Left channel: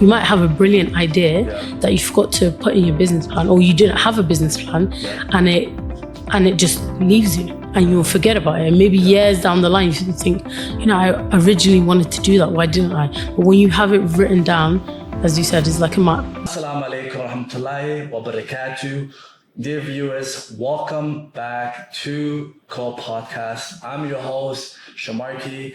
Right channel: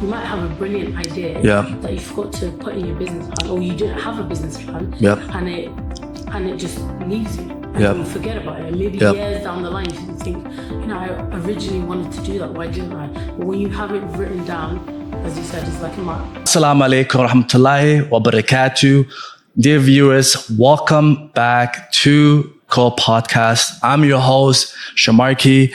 You might have a brilliant idea that you forgot to put in your business plan, or you didn't have a business plan, and it just leaves you, and you will forget about it. And maybe years down the line, you think, I originally wanted to do that. Why didn't I? But when you have it written down, as you said, it's like a map. Assalamu alaikum wa rahmatullahi wa barakatuh. Dear viewers, welcome back to Co-Podcast. I'm your host, Shamarki.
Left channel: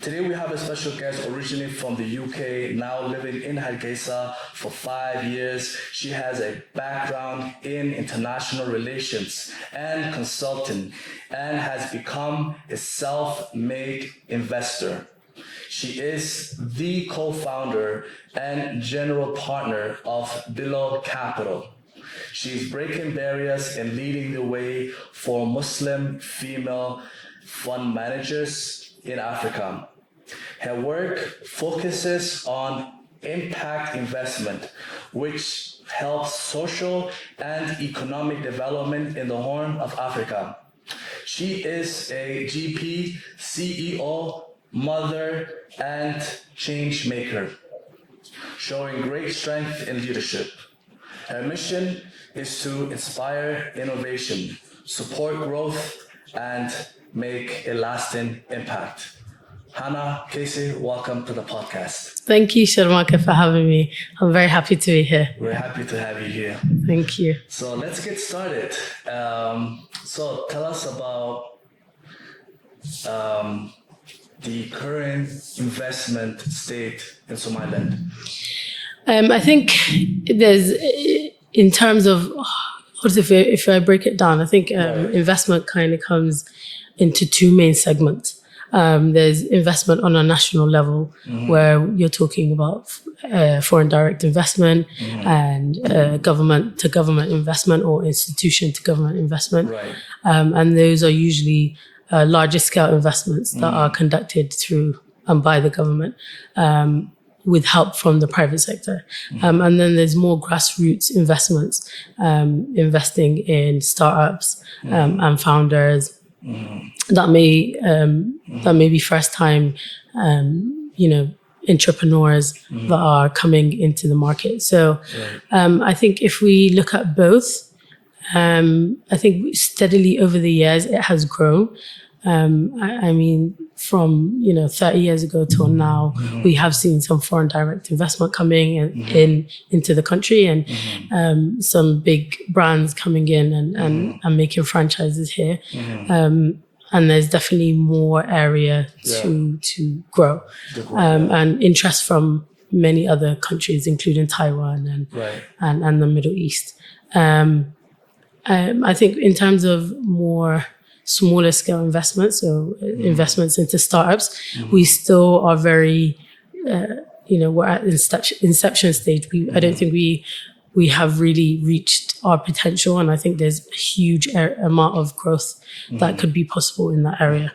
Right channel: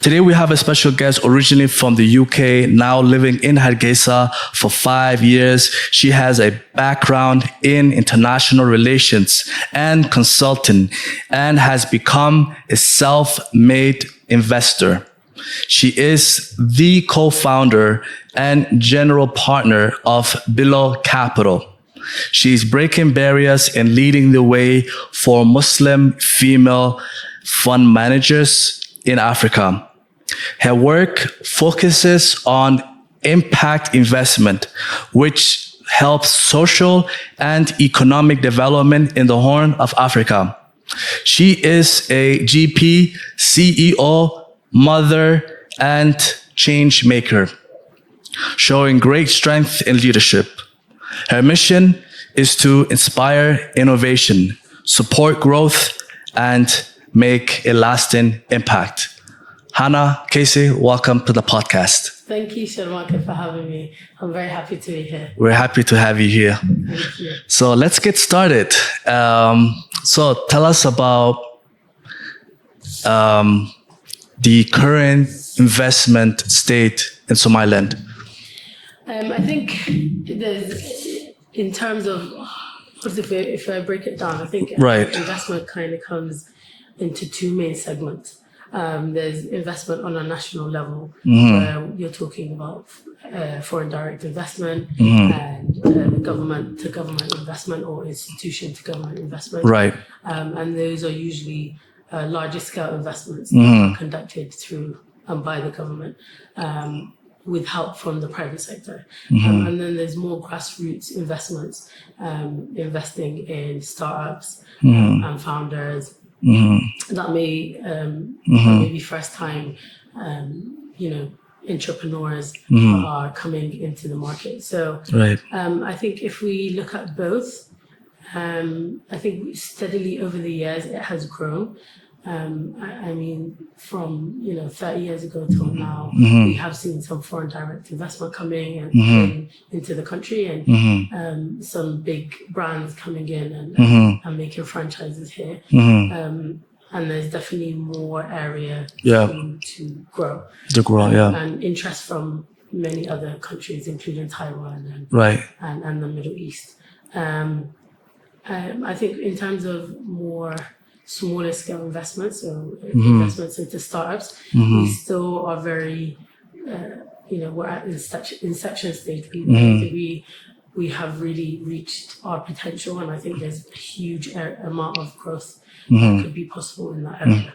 Today we have a special guest originally from the UK, now living in Hana Kaise for 5 years. She has a background in international relations and consulting and has become a self-made investor. She is the co-founder and general partner of Below Capital. She's breaking barriers and leading the way for Muslim female fund managers in Africa. Her work focuses on impact investment, which helps social and economic development in the Horn of Africa. She is a GP, CEO, mother, and change maker, showing great strength and leadership. Her mission is to inspire innovation, support growth, and make a lasting impact. Hana Kaise, welcome to the podcast. Thank you, Sharmaka, for having me. I'm very happy to be here. We're happy to have you here. Thank you. So let's get started. So tell us about the current investment state in Somaliland. I think there's, in terms of, if I break it down, I think investment kind of comes into two main segments. There's investment on a national level, where you're talking about foreign direct investment and government to government investment or institution to government investment. Right. And those are usually larger scale investments that are conducted through and by the government with help from the private sector. And then there's more grassroots investments, investing in startups and founders. That may be first time, entrepreneurs that are coming into the market. So I think if we look at both, I think steadily over the years it has grown. I mean, from 30 years ago till now, we have seen some foreign direct investment coming into the country, and some big brands coming in and making franchises here. And there's definitely more area to grow. And interest from many other countries, including Taiwan and the Middle East. I think in terms of more smaller scale investments, so investments into startups, we still are very, we're at inception stage. I don't think we have really reached our potential, and I think there's a huge amount of growth that could be possible in that area.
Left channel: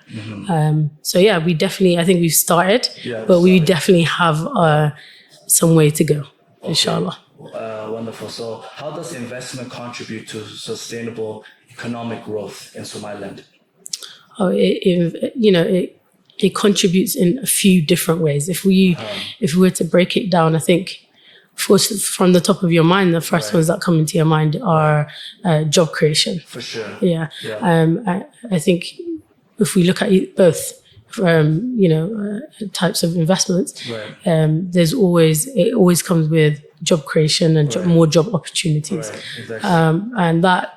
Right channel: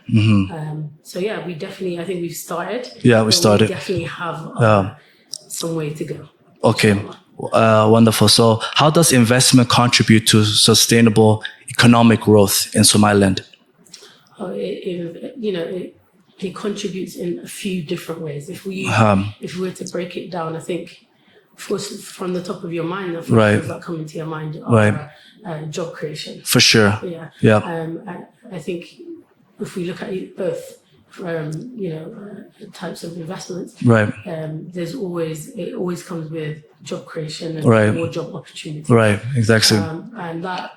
So we definitely, I think we've started, we definitely have some way to go. Okay, wonderful. So how does investment contribute to sustainable economic growth in Somaliland? It contributes in a few different ways. If we were to break it down, I think, of course, from the top of your mind, the first ones that come into your mind are job creation. For sure. I think if we look at both, types of investments, it always comes with job creation and more job opportunities. Right, exactly. And that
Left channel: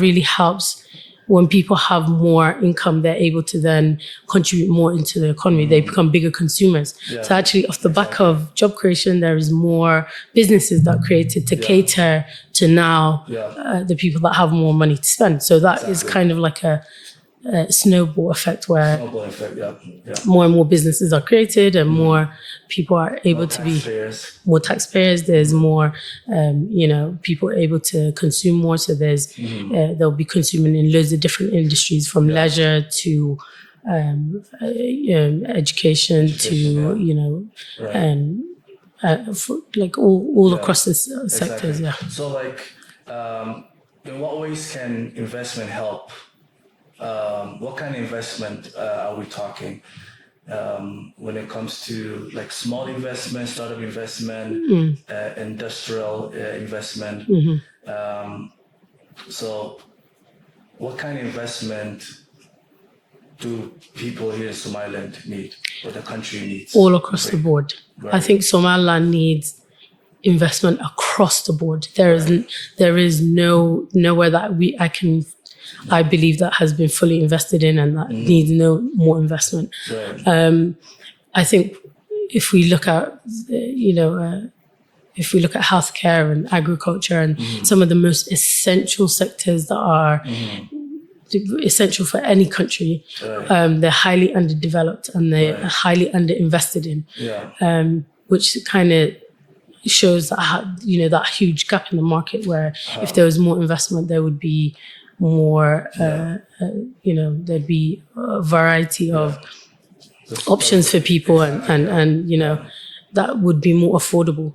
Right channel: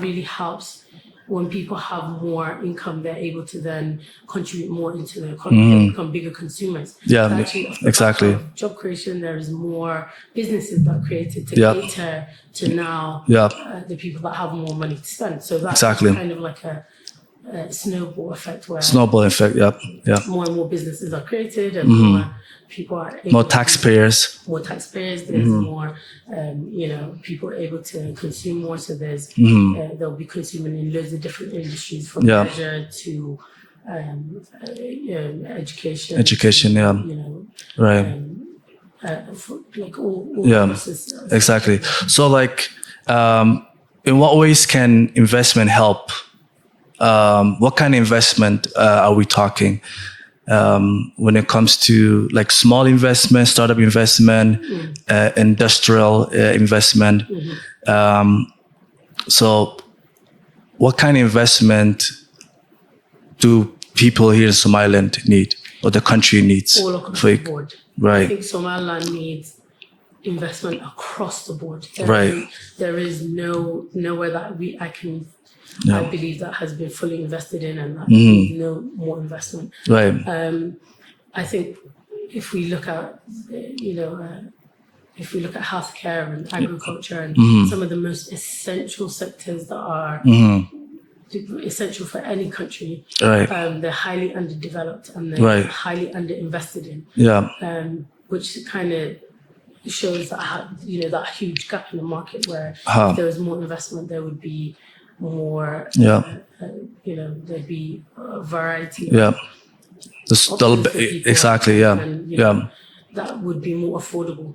really helps. When people have more income, they're able to then contribute more into the economy. They become bigger consumers. So actually, off the back of job creation, there is more businesses that are created to cater to now the people that have more money to spend. So that is kind of like a snowball effect where more and more businesses are created and more people are able more taxpayers. There's more people able to consume more, so there's they'll be consuming in loads of different industries, from leisure to education to, like all across this sector. So like in what ways can investment help? What kind of investment are we talking? when it comes to like small investment, startup investment, industrial investment. So what kind of investment do people here in Somaliland need, or the country needs? All across the board. Right. I think Somaliland needs investment across the board. There is nowhere that I believe that has been fully invested in and that needs no more investment. Right. I think if we look at, healthcare and agriculture and some of the most essential sectors that are essential for any country, they're highly underdeveloped and they're highly underinvested in. Which kind of shows that that huge gap in the market where if there was more investment, there would be more. There'd be a variety of options for people, and that would be more affordable.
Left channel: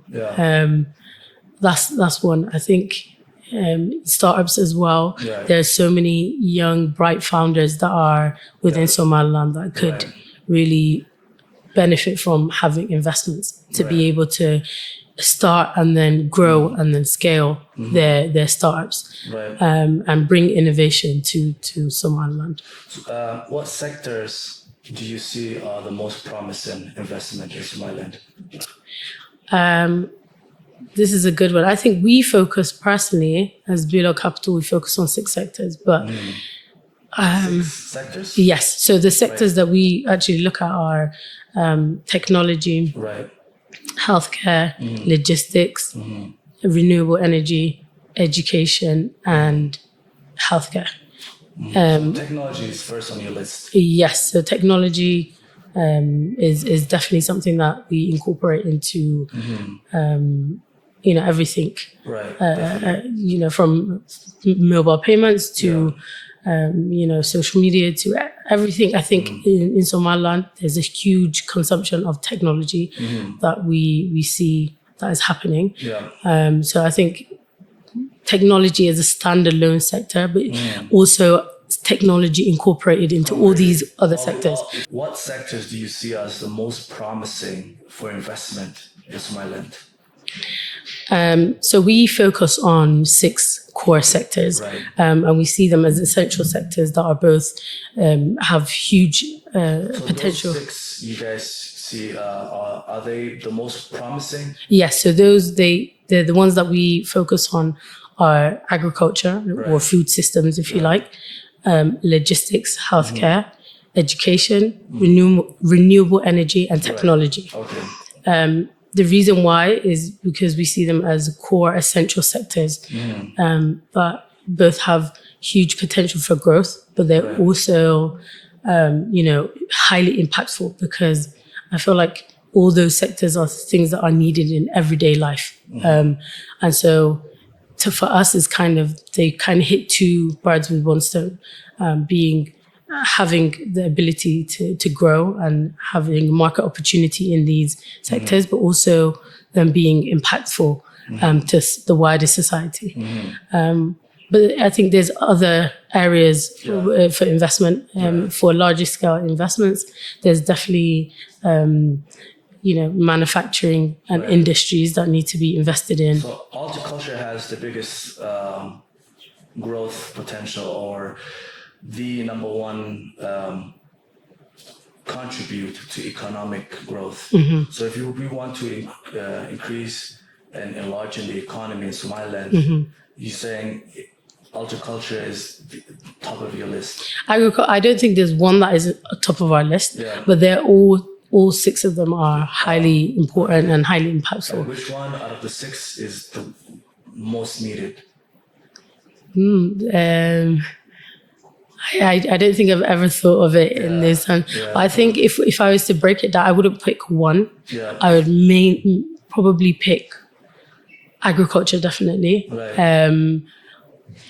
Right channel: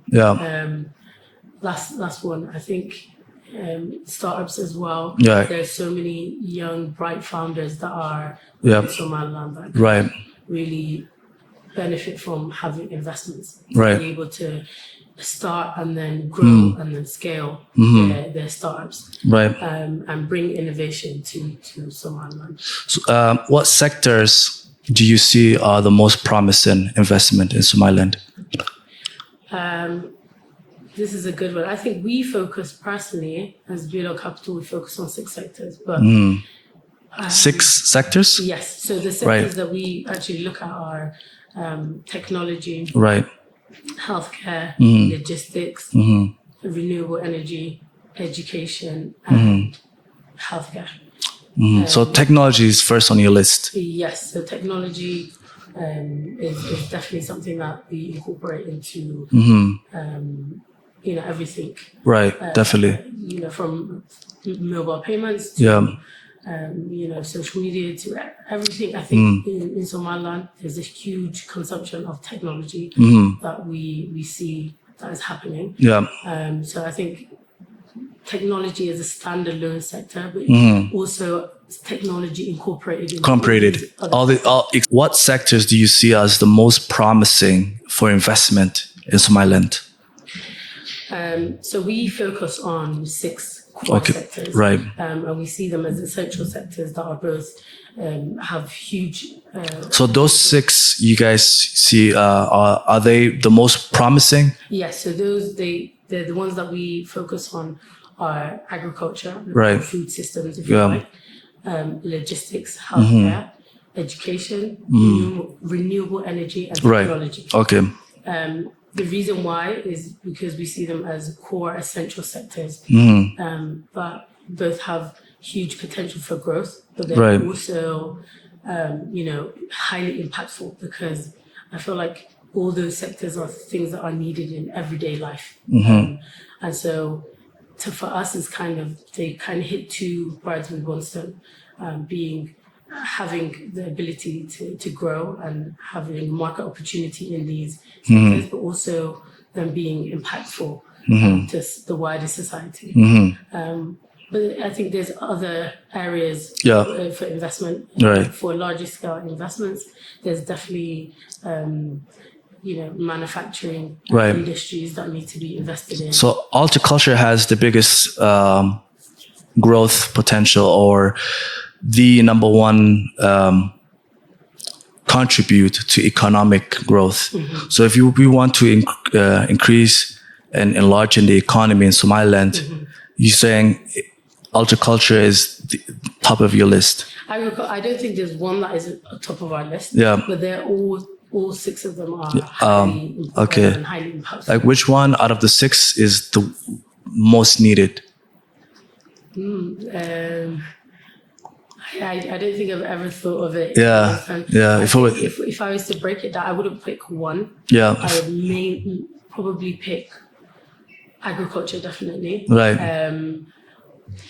That's one. I think startups as well. There's so many young, bright founders that are within Somaliland that could really benefit from having investments to be able to start and then grow and then scale their startups and bring innovation to Somaliland. So, what sectors do you see are the most promising investment in Somaliland? This is a good one. I think we focus personally as Bilo Capital, we focus on 6 sectors, but 6 sectors? Yes. So the sectors that we actually look at are technology, healthcare, logistics, renewable energy, education, and healthcare. So technology is first on your list. Yes. So technology is definitely something that we incorporate into everything. Definitely. From mobile payments to social media to everything. I think in Somaliland, there's a huge consumption of technology that we see that is happening. So I think technology is a standalone sector, but also technology incorporated into all these other sectors. What sectors do you see as the most promising for investment in Somaliland? So we focus on 6 core sectors, and we see them as essential sectors that are both have huge. So those 6 you guys see, are they the most promising? Yes. So they're the ones that we focus on are agriculture or food systems, if you like, logistics, healthcare, education, renewable energy, and technology. The reason why is because we see them as core essential sectors, but both have huge potential for growth, but they're also, highly impactful, because I feel like all those sectors are things that are needed in everyday life. And so for us, they kind of hit 2 birds with 1 stone, having the ability to grow and having market opportunity in these sectors, but also them being impactful to the wider society. But I think there's other areas for investment. For larger scale investments, there's definitely manufacturing industries that need to be invested in. So horticulture has the biggest growth potential, or the number one contribute to economic growth. So if we want to increase and enlarge in the economy in Somaliland, you're saying horticulture is the top of your list? I don't think there's one that is top of our list, but they're all 6 of them are highly important and highly impactful. Like, which one out of the 6 is the most needed? I don't think I've ever thought of it in this time. I think if I was to break it down, I wouldn't pick one. I would probably pick agriculture, definitely.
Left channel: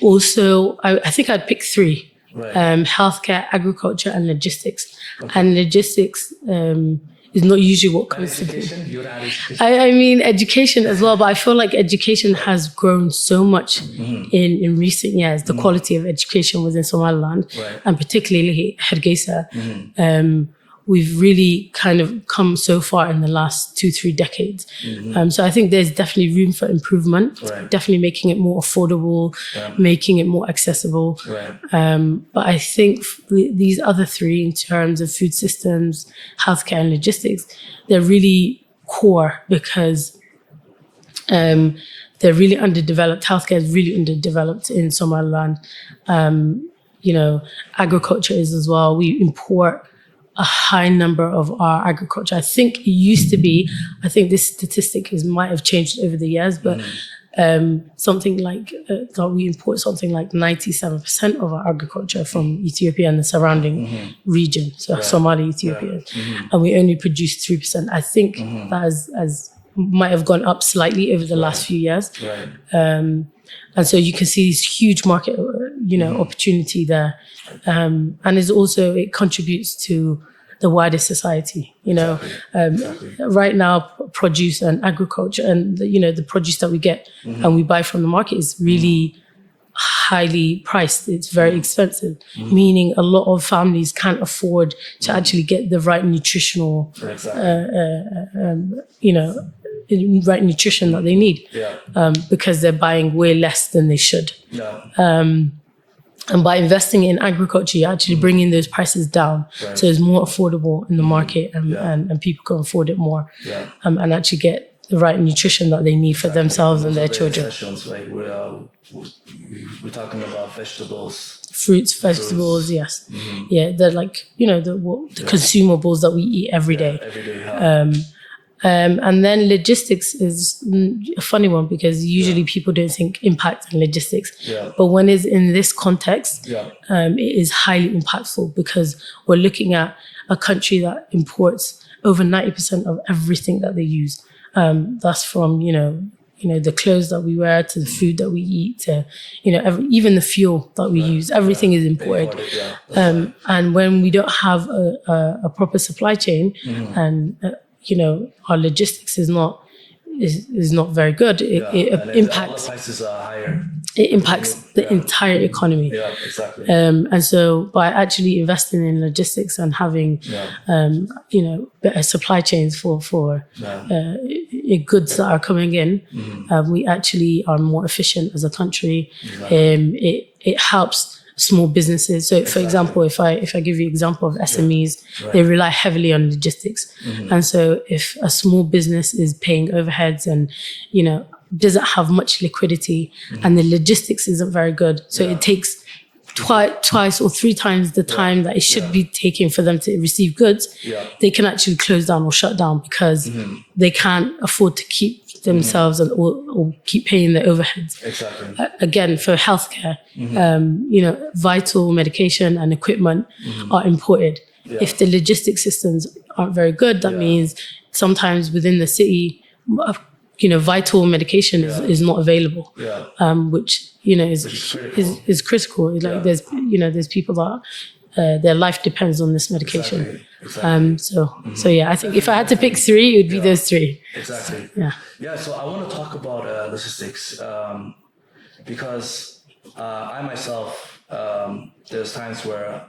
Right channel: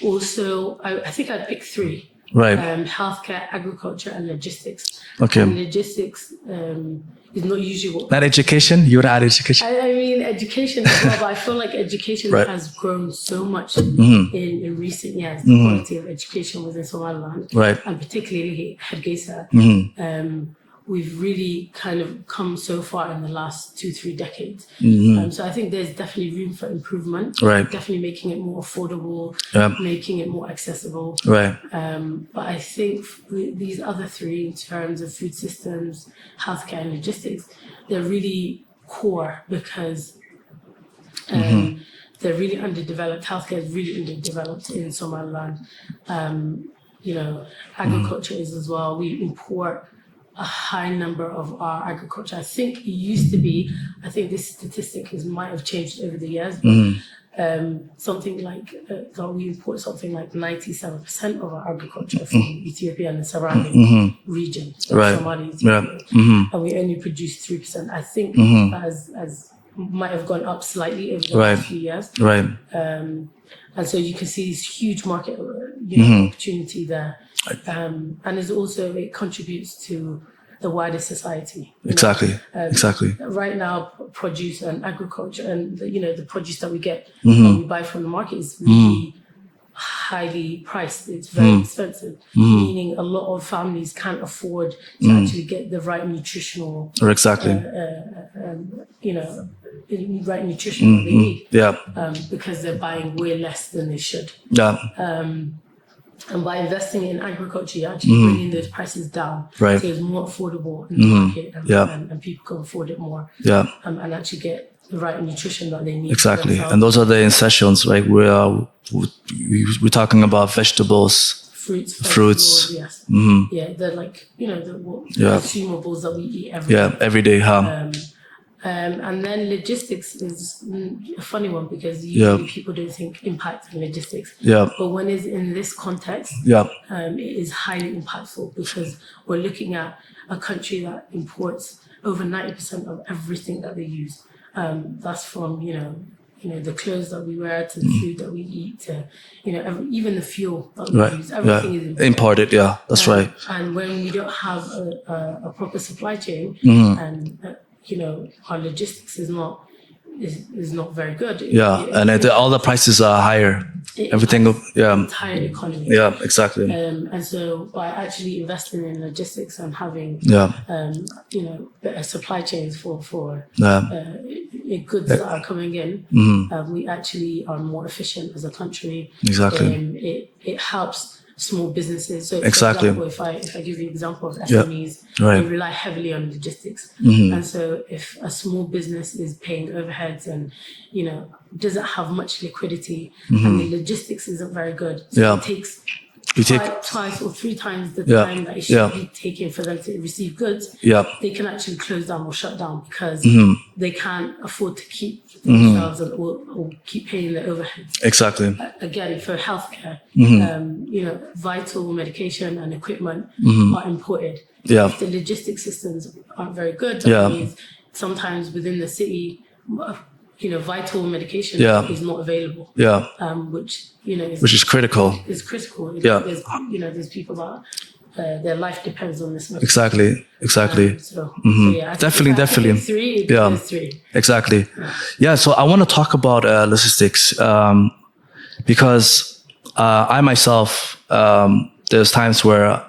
Also, I think I'd pick 3. Healthcare, agriculture, and logistics. And logistics is not usually what... Not education? You would add education? I mean, education as well, but I feel like education has grown so much in recent years, the quality of education within Somaliland, and particularly Hana Kaise. we've really kind of come so far in the last 2-3 decades. So I think there's definitely room for improvement. Right. Definitely making it more affordable, making it more accessible. Right. But I think these other three, in terms of food systems, healthcare, and logistics, they're really core because they're really underdeveloped. Healthcare is really underdeveloped in Somaliland. Agriculture is as well. We import a high number of our agriculture. I think it used to be, I think this statistic might have changed over the years, but something like that we import something like 97% of our agriculture from Ethiopia and the surrounding region, so Somalia, Ethiopia, and we only produce 3%. I think that has might have gone up slightly over the last few years. Right. And so you can see this huge market, opportunity there. And it contributes to the wider society. Exactly. Right now, produce and agriculture and, the produce that we get and we buy from the market is really highly priced. It's very expensive, meaning a lot of families can't afford to actually get the right nutritional, right nutrition that they need. Because they're buying way less than they should. And by investing in agriculture, you're actually bringing those prices down. Right. So it's more affordable in the market and people can afford it more. And actually get the right nutrition that they need for themselves. And those are the essentials, right? We're talking about vegetables, fruits, vegetables, yes. Yeah, they're like, the consumables that we eat every day. Yeah, every day. And then logistics is a funny one because usually people don't think impact on logistics. But when it's in this context, it is highly impactful because we're looking at a country that imports over 90% of everything that they use. That's from, the clothes that we wear to the food that we eat to, even the fuel that we use. Everything is imported. That's right. And when we don't have a proper supply chain and our logistics is not very good. All the prices are higher. It impacts the entire economy. Yeah, exactly. And so by actually investing in logistics and having, better supply chains for goods that are coming in, we actually are more efficient as a country. Exactly. It helps small businesses. So, for example, if I give you an example of SMEs, they rely heavily on logistics. And so if a small business is paying overheads and, doesn't have much liquidity and the logistics isn't very good, so it takes twice or 3 times the time that it should be taking for them to receive goods, they can actually close down or shut down because they can't afford to keep themselves or keep paying their overheads. Exactly. Again, for healthcare, vital medication and equipment are imported. If the logistics systems aren't very good, that means sometimes within the city, vital medication is not available. Which is critical. Is critical. There's people that their life depends on this medication. Exactly. I think if I had to pick 3, it would be those 3. Exactly. So I want to talk about logistics because I myself, there's times where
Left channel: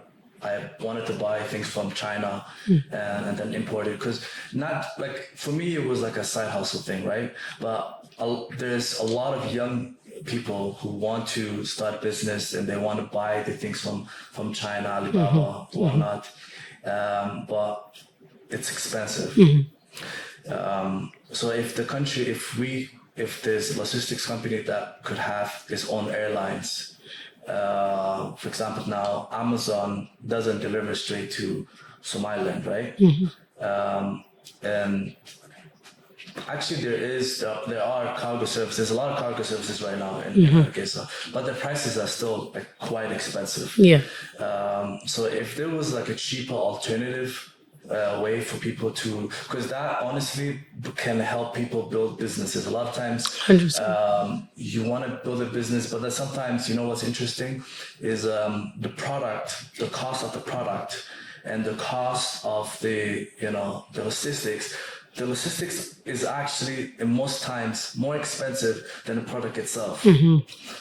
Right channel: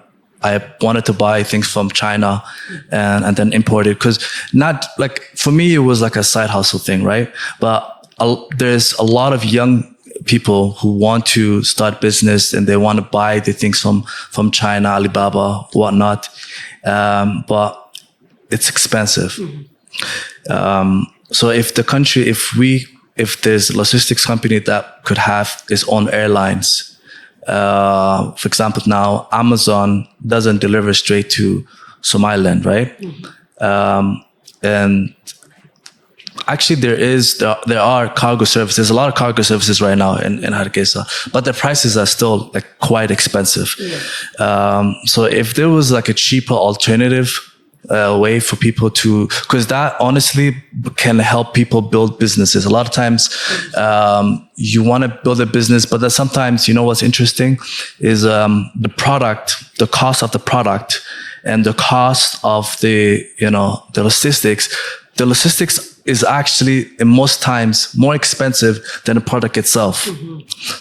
I wanted to buy things from China and then import it because for me, it was like a side hustle thing, right? But there's a lot of young people who want to start business and they want to buy the things from China, Alibaba, whatnot. But it's expensive. So if there's a logistics company that could have its own airlines, for example, now Amazon doesn't deliver straight to Somaliland, right? And actually, there are cargo services. There's a lot of cargo services right now in Hana Kaise, but the prices are still quite expensive. So if there was a cheaper alternative way for people to, because that honestly can help people build businesses. A lot of times you want to build a business, but then sometimes, what's interesting is the cost of the product and the cost of the logistics. The logistics is actually, in most times, more expensive than the product itself.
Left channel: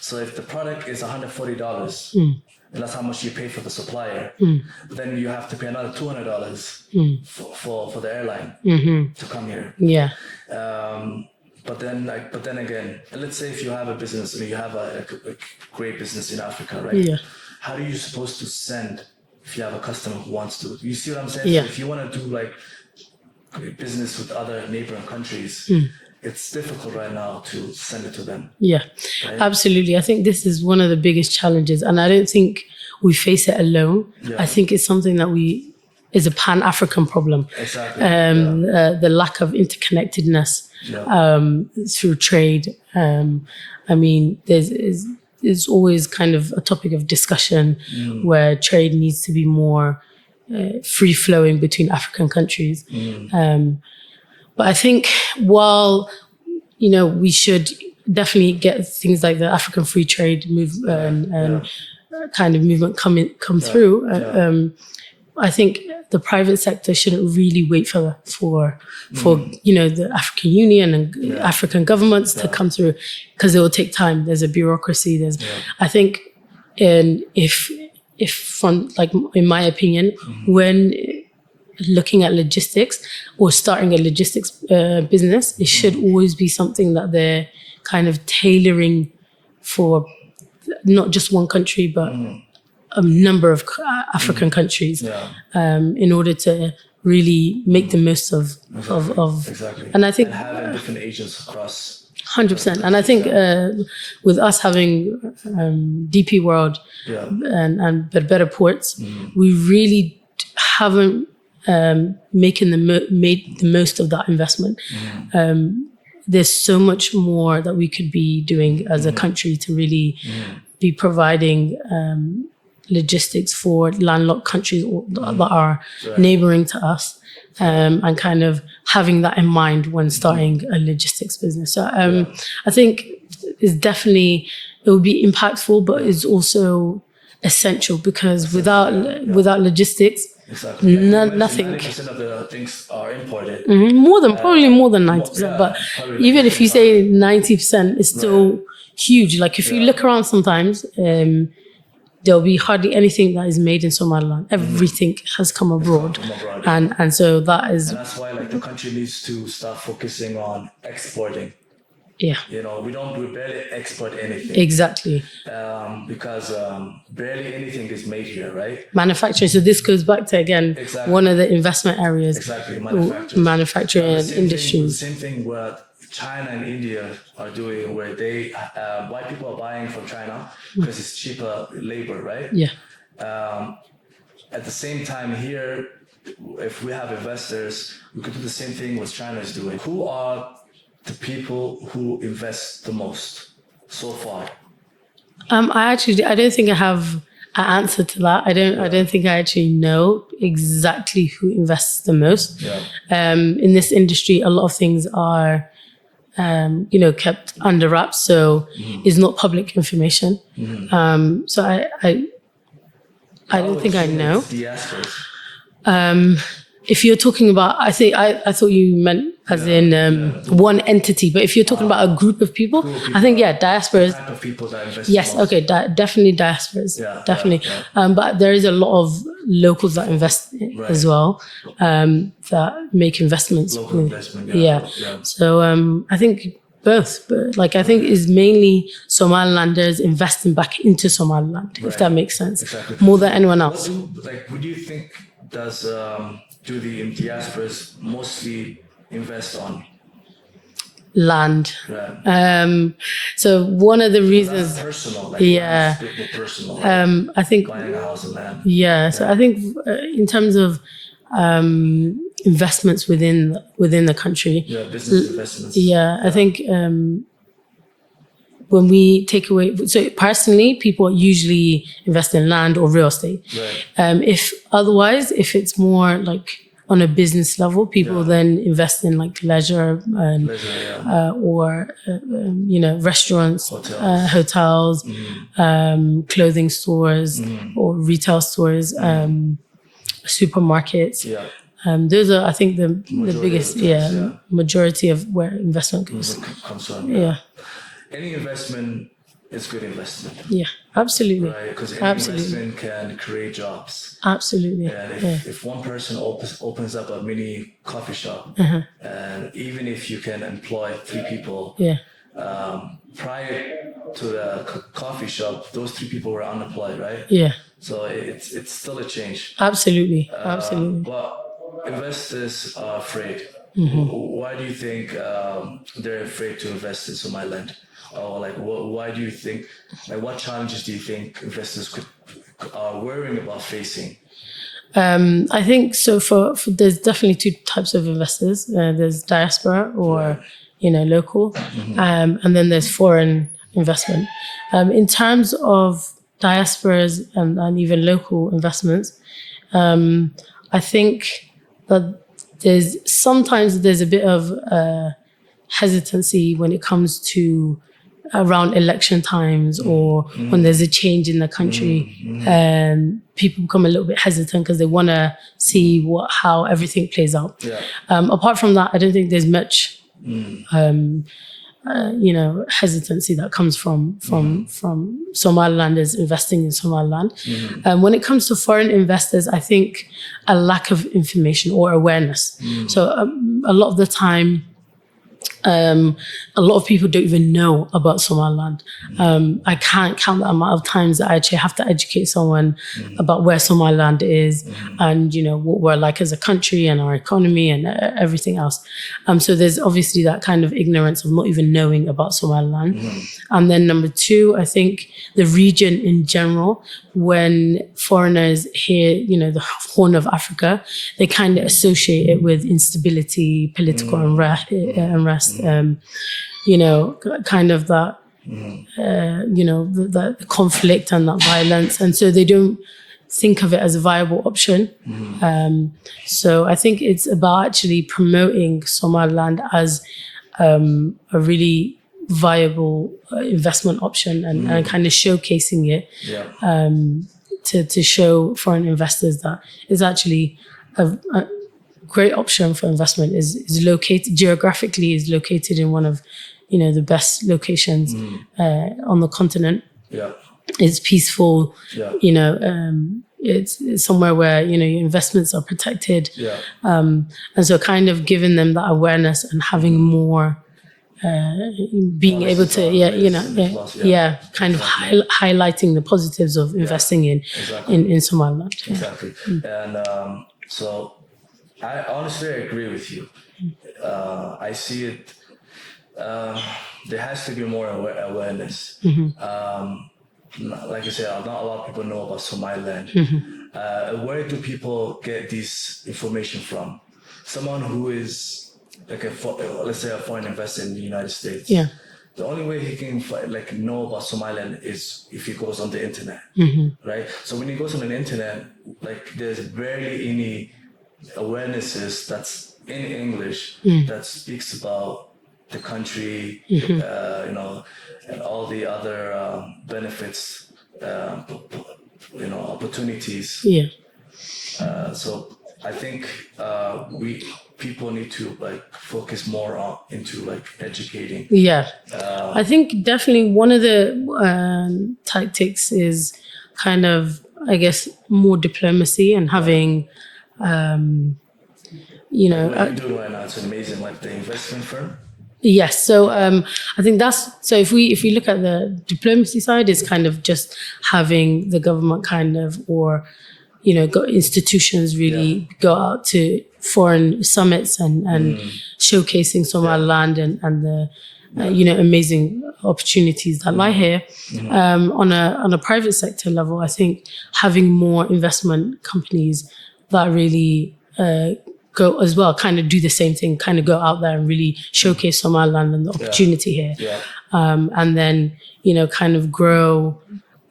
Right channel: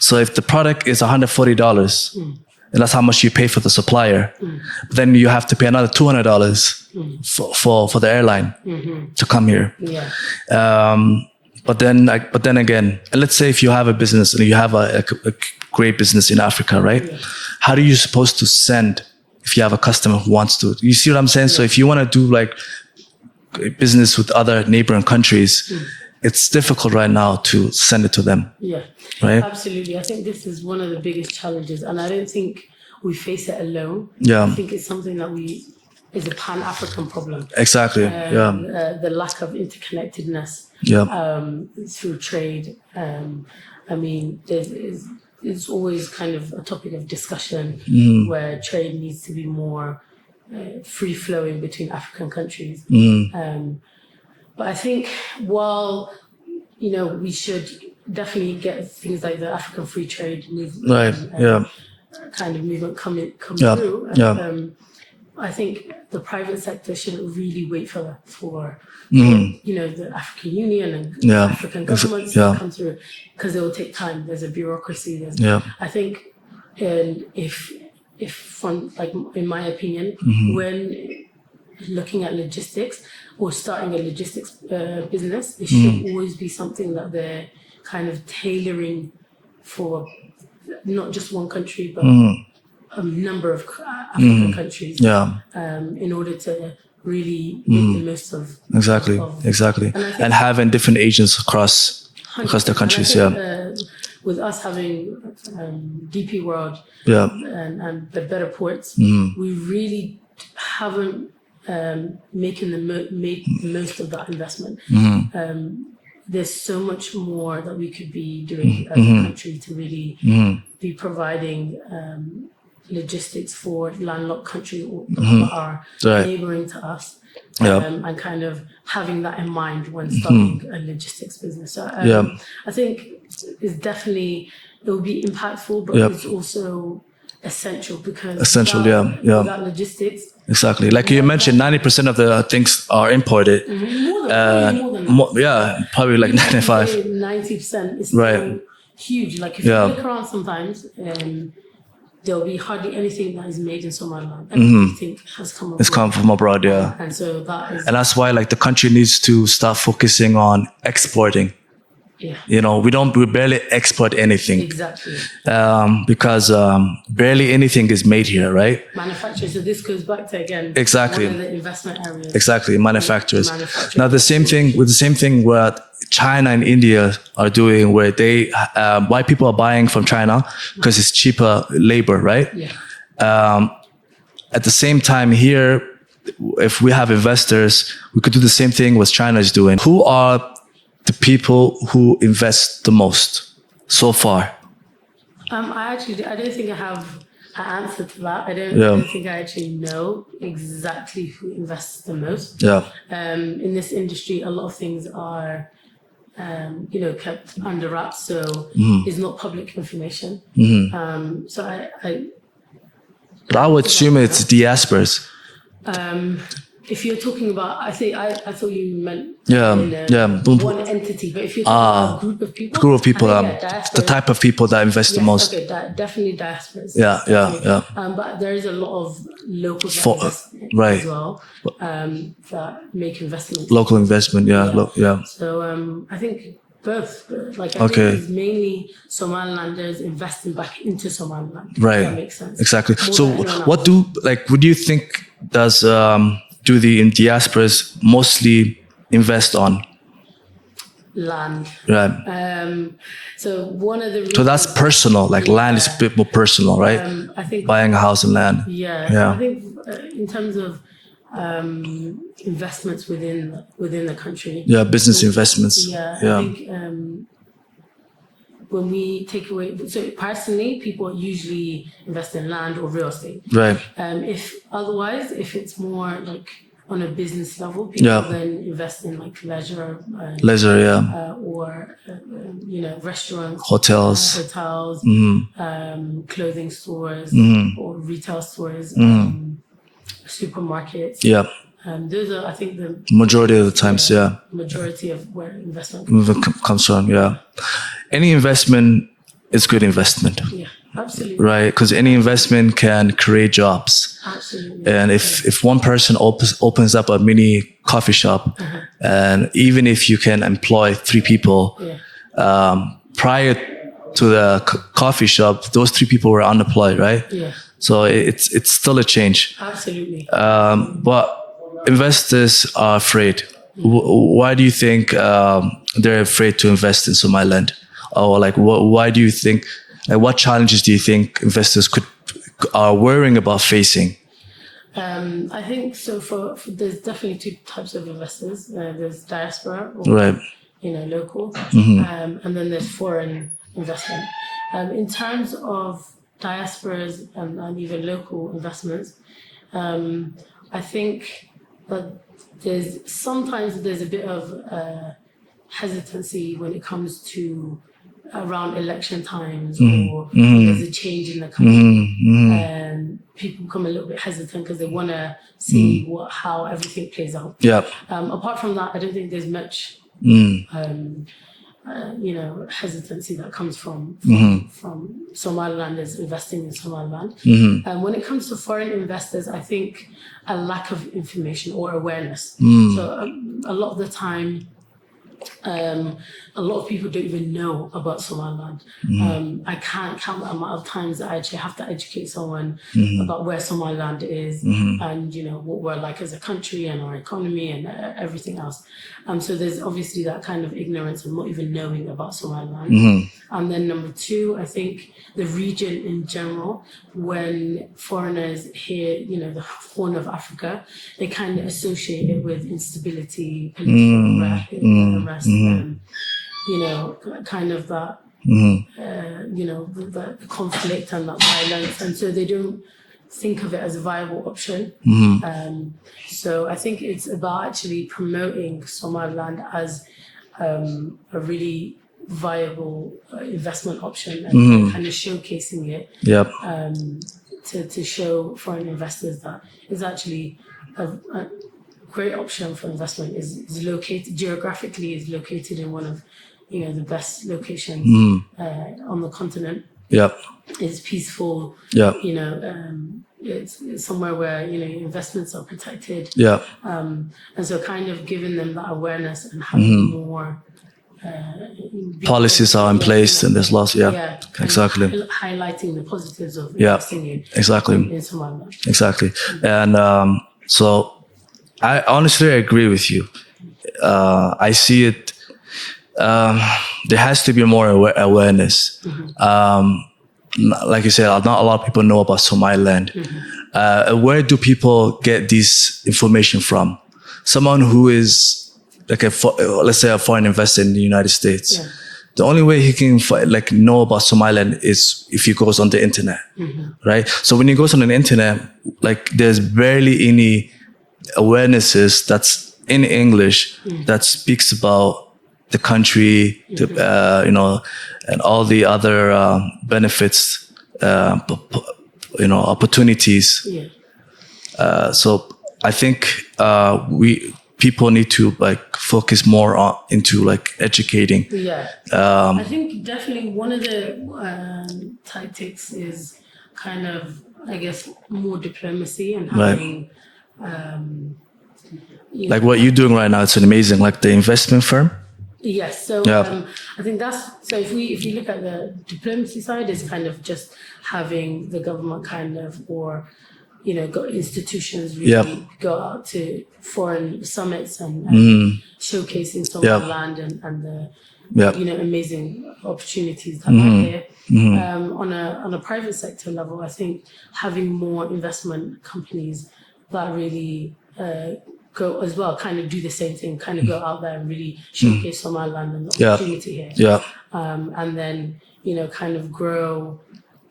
So if the product is $140 and that's how much you pay for the supplier. But then you have to pay another $200 for the airline to come here. Yeah. But then again, let's say if you have a business and you have a great business in Africa, right? Yeah. How are you supposed to send if you have a customer who wants to? You see what I'm saying? Yeah. So if you want to do like business with other neighboring countries, it's difficult right now to send it to them. Yeah, right? Absolutely. I think this is one of the biggest challenges, and I don't think we face it alone. Yeah. I think it's something that is a Pan-African problem. Exactly. The lack of interconnectedness through trade. I mean, there's always kind of a topic of discussion where trade needs to be more free-flowing between African countries. But I think while, we should definitely get things like the African free trade kind of movement come through, I think the private sector shouldn't really wait for the African Union and African governments to come through, because it will take time. There's a bureaucracy. I think, and if from, like, in my opinion, when looking at logistics or starting a logistics business, it should always be something that they're kind of tailoring for not just one country, but a number of African countries, in order to really make the most of exactly. And I think having different agents across the countries. And I think with us having DP World and Better Ports, we really haven't made the most of that investment. There's so much more that we could be doing as a country to really be providing logistics for landlocked countries that are neighboring to us, and kind of having that in mind when starting a logistics business. So I think it would be impactful, but it's also essential, because without logistics, exactly, like you mentioned, 90% of the things are imported. Probably more than 90%. Probably like even 95. if you say 90%, it's still huge. Like, if you look around sometimes, there'll be hardly anything that is made in Somaliland. Everything has come abroad. It's come from abroad, and so and that's why, like, the country needs to start focusing on exporting. Yeah. We barely export anything. Exactly. Because barely anything is made here, right? Manufacturing. So this goes back to, again, one of the investment areas. Exactly, manufacturers. Manufacturing. Now the same thing what China and India are doing, where they why people are buying from China, because it's cheaper labor, right? Yeah. At the same time here, if we have investors, we could do the same thing what China is doing. Who are the people who invest the most so far? I don't think I have an answer to that. I don't think I actually know exactly who invests the most. Yeah. In this industry, a lot of things are, kept under wraps, so it's not public information. So I would assume it's diasporas. If you're talking about, I thought you meant one entity, but if you're talking about a group of people, I think diaspora. The type of people that invest the most. Yes, okay, definitely diasporas. Yeah, definitely. Yeah. But there is a lot of locals that invest as well, that make investments. Local investment, yeah. So I think both, but I think it's mainly Somalilanders investing back into Somaliland, if that makes sense. Exactly. More than anyone else. What do you think do the diasporas mostly invest on? Land. Right. So one of the reasons. So that's personal, land is a bit more personal, right? I think buying a house and land. Yeah. So I think in terms of investments within the country. Yeah, business investments. Yeah, I think when we take away, so personally, people usually invest in land or real estate. Right. If it's more like on a business level, people then invest in leisure. Or restaurants, hotels, clothing stores, or retail stores, supermarkets. Yeah. Those are, I think, the majority of the times. Majority of where investment comes from. Yeah. Any investment it's good investment. Yeah, absolutely. Right, because any investment can create jobs. Absolutely. And if one person opens up a mini coffee shop, and even if you can employ 3 people, prior to the coffee shop, those 3 people were unemployed, right? Yeah. So it's still a change. Absolutely. But investors are afraid. Why do you think they're afraid to invest in Somaliland? Or like, why do you think? Like, what challenges do you think investors are worrying about facing? I think so. For there's definitely 2 types of investors. There's diaspora or local, and then there's foreign investment. In terms of diasporas and even local investments, I think that there's a bit of hesitancy when it comes to around election times or when there's a change in the country. People become a little bit hesitant because they want to see how everything plays out. Yeah. Apart from that, I don't think there's much hesitancy that comes from Somalilanders investing in Somaliland. When it comes to foreign investors, I think a lack of information or awareness. So a lot of the time, a lot of people don't even know about Somaliland. I can't count the amount of times that I actually have to educate someone about where Somaliland is and, what we're like as a country and our economy and everything else. So there's obviously that kind of ignorance of not even knowing about Somaliland. And then number 2, I think the region in general, when foreigners hear, the Horn of Africa, they kind of associate it with instability, political unrest, kind of that, the conflict and that violence. And so they don't think of it as a viable option. So I think it's about actually promoting Somaliland as a really viable investment option and kind of showcasing it to show foreign investors that it's actually a great option for investment. Is located geographically, is located in one of the best locations on the continent. It's peaceful. It's somewhere where your investments are protected. And so kind of giving them that awareness and having more policies are in place and there's lots. Kind of highlighting the positives of investing in Somaliland. Exactly. And so I honestly agree with you. I see it. There has to be more awareness. Like you said, not a lot of people know about Somaliland. Where do people get this information from? Someone who is like let's say a foreign investor in the United States. The only way he can know about Somaliland is if he goes on the internet, right? So when he goes on the internet, there's barely any awarenesses that's in English that speaks about the country, and all the other benefits, opportunities. So I think people need to focus more into educating. I think definitely one of the tactics is kind of, I guess, more diplomacy and having what you're doing right now. It's amazing, the investment firm. Yes. So I think if you look at the diplomacy side, it's kind of just having the government kind of, or institutions really go out to foreign summits and showcasing Somaliland and the amazing opportunities that lie here. On a private sector level, I think having more investment companies that really go as well, kind of do the same thing, kind of go out there and really showcase Somaliland and the opportunity here. And then, kind of grow,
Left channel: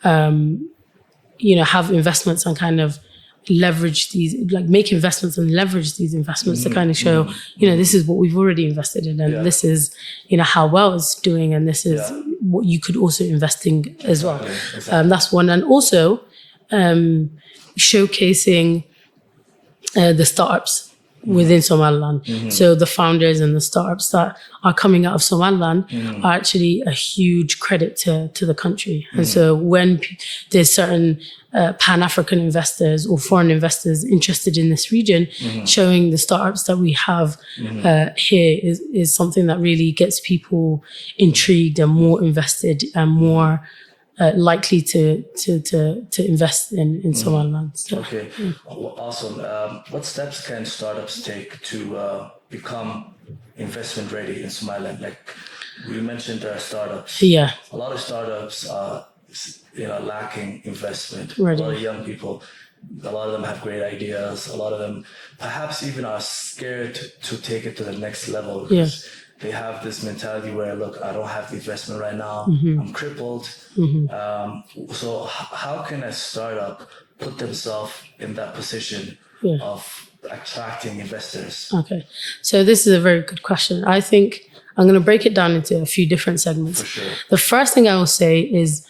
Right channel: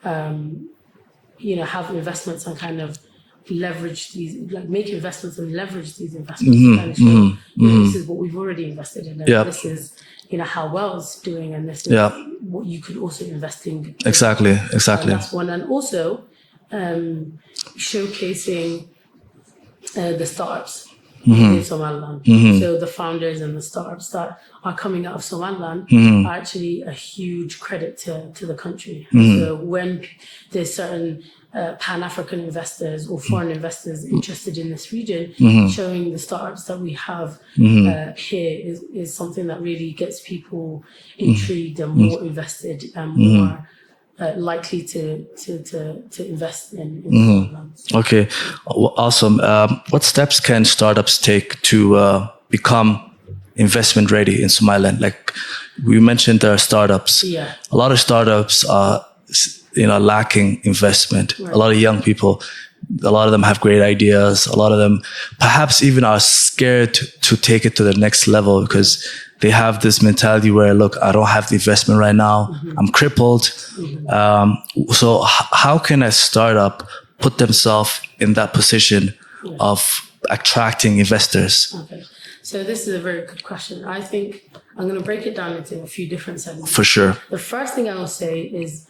have investments and kind of leverage these, make investments and leverage these investments to kind of show, this is what we've already invested in, and this is, how well it's doing, and this is what you could also invest in. Exactly. That's one. And also showcasing the startups. within Somaliland. So the founders and the startups that are coming out of Somaliland are actually a huge credit to the country. And so when there's certain Pan-African investors or foreign investors interested in this region, showing the startups that we have here is something that really gets people intrigued and more invested and more likely to invest in Somaliland. So, okay, awesome. What steps can startups take to become investment ready in Somaliland? Like we mentioned, there are startups. Yeah. A lot of startups are lacking investment. Right. A lot of young people, a lot of them have great ideas. A lot of them perhaps even are scared to take it to the next level because they have this mentality where, look, I don't have the investment right now. I'm crippled. So how can a startup put themselves in that position of attracting investors? Okay. So this is a very good question. I think I'm going to break it down into a few different segments. For sure. The first thing I will say is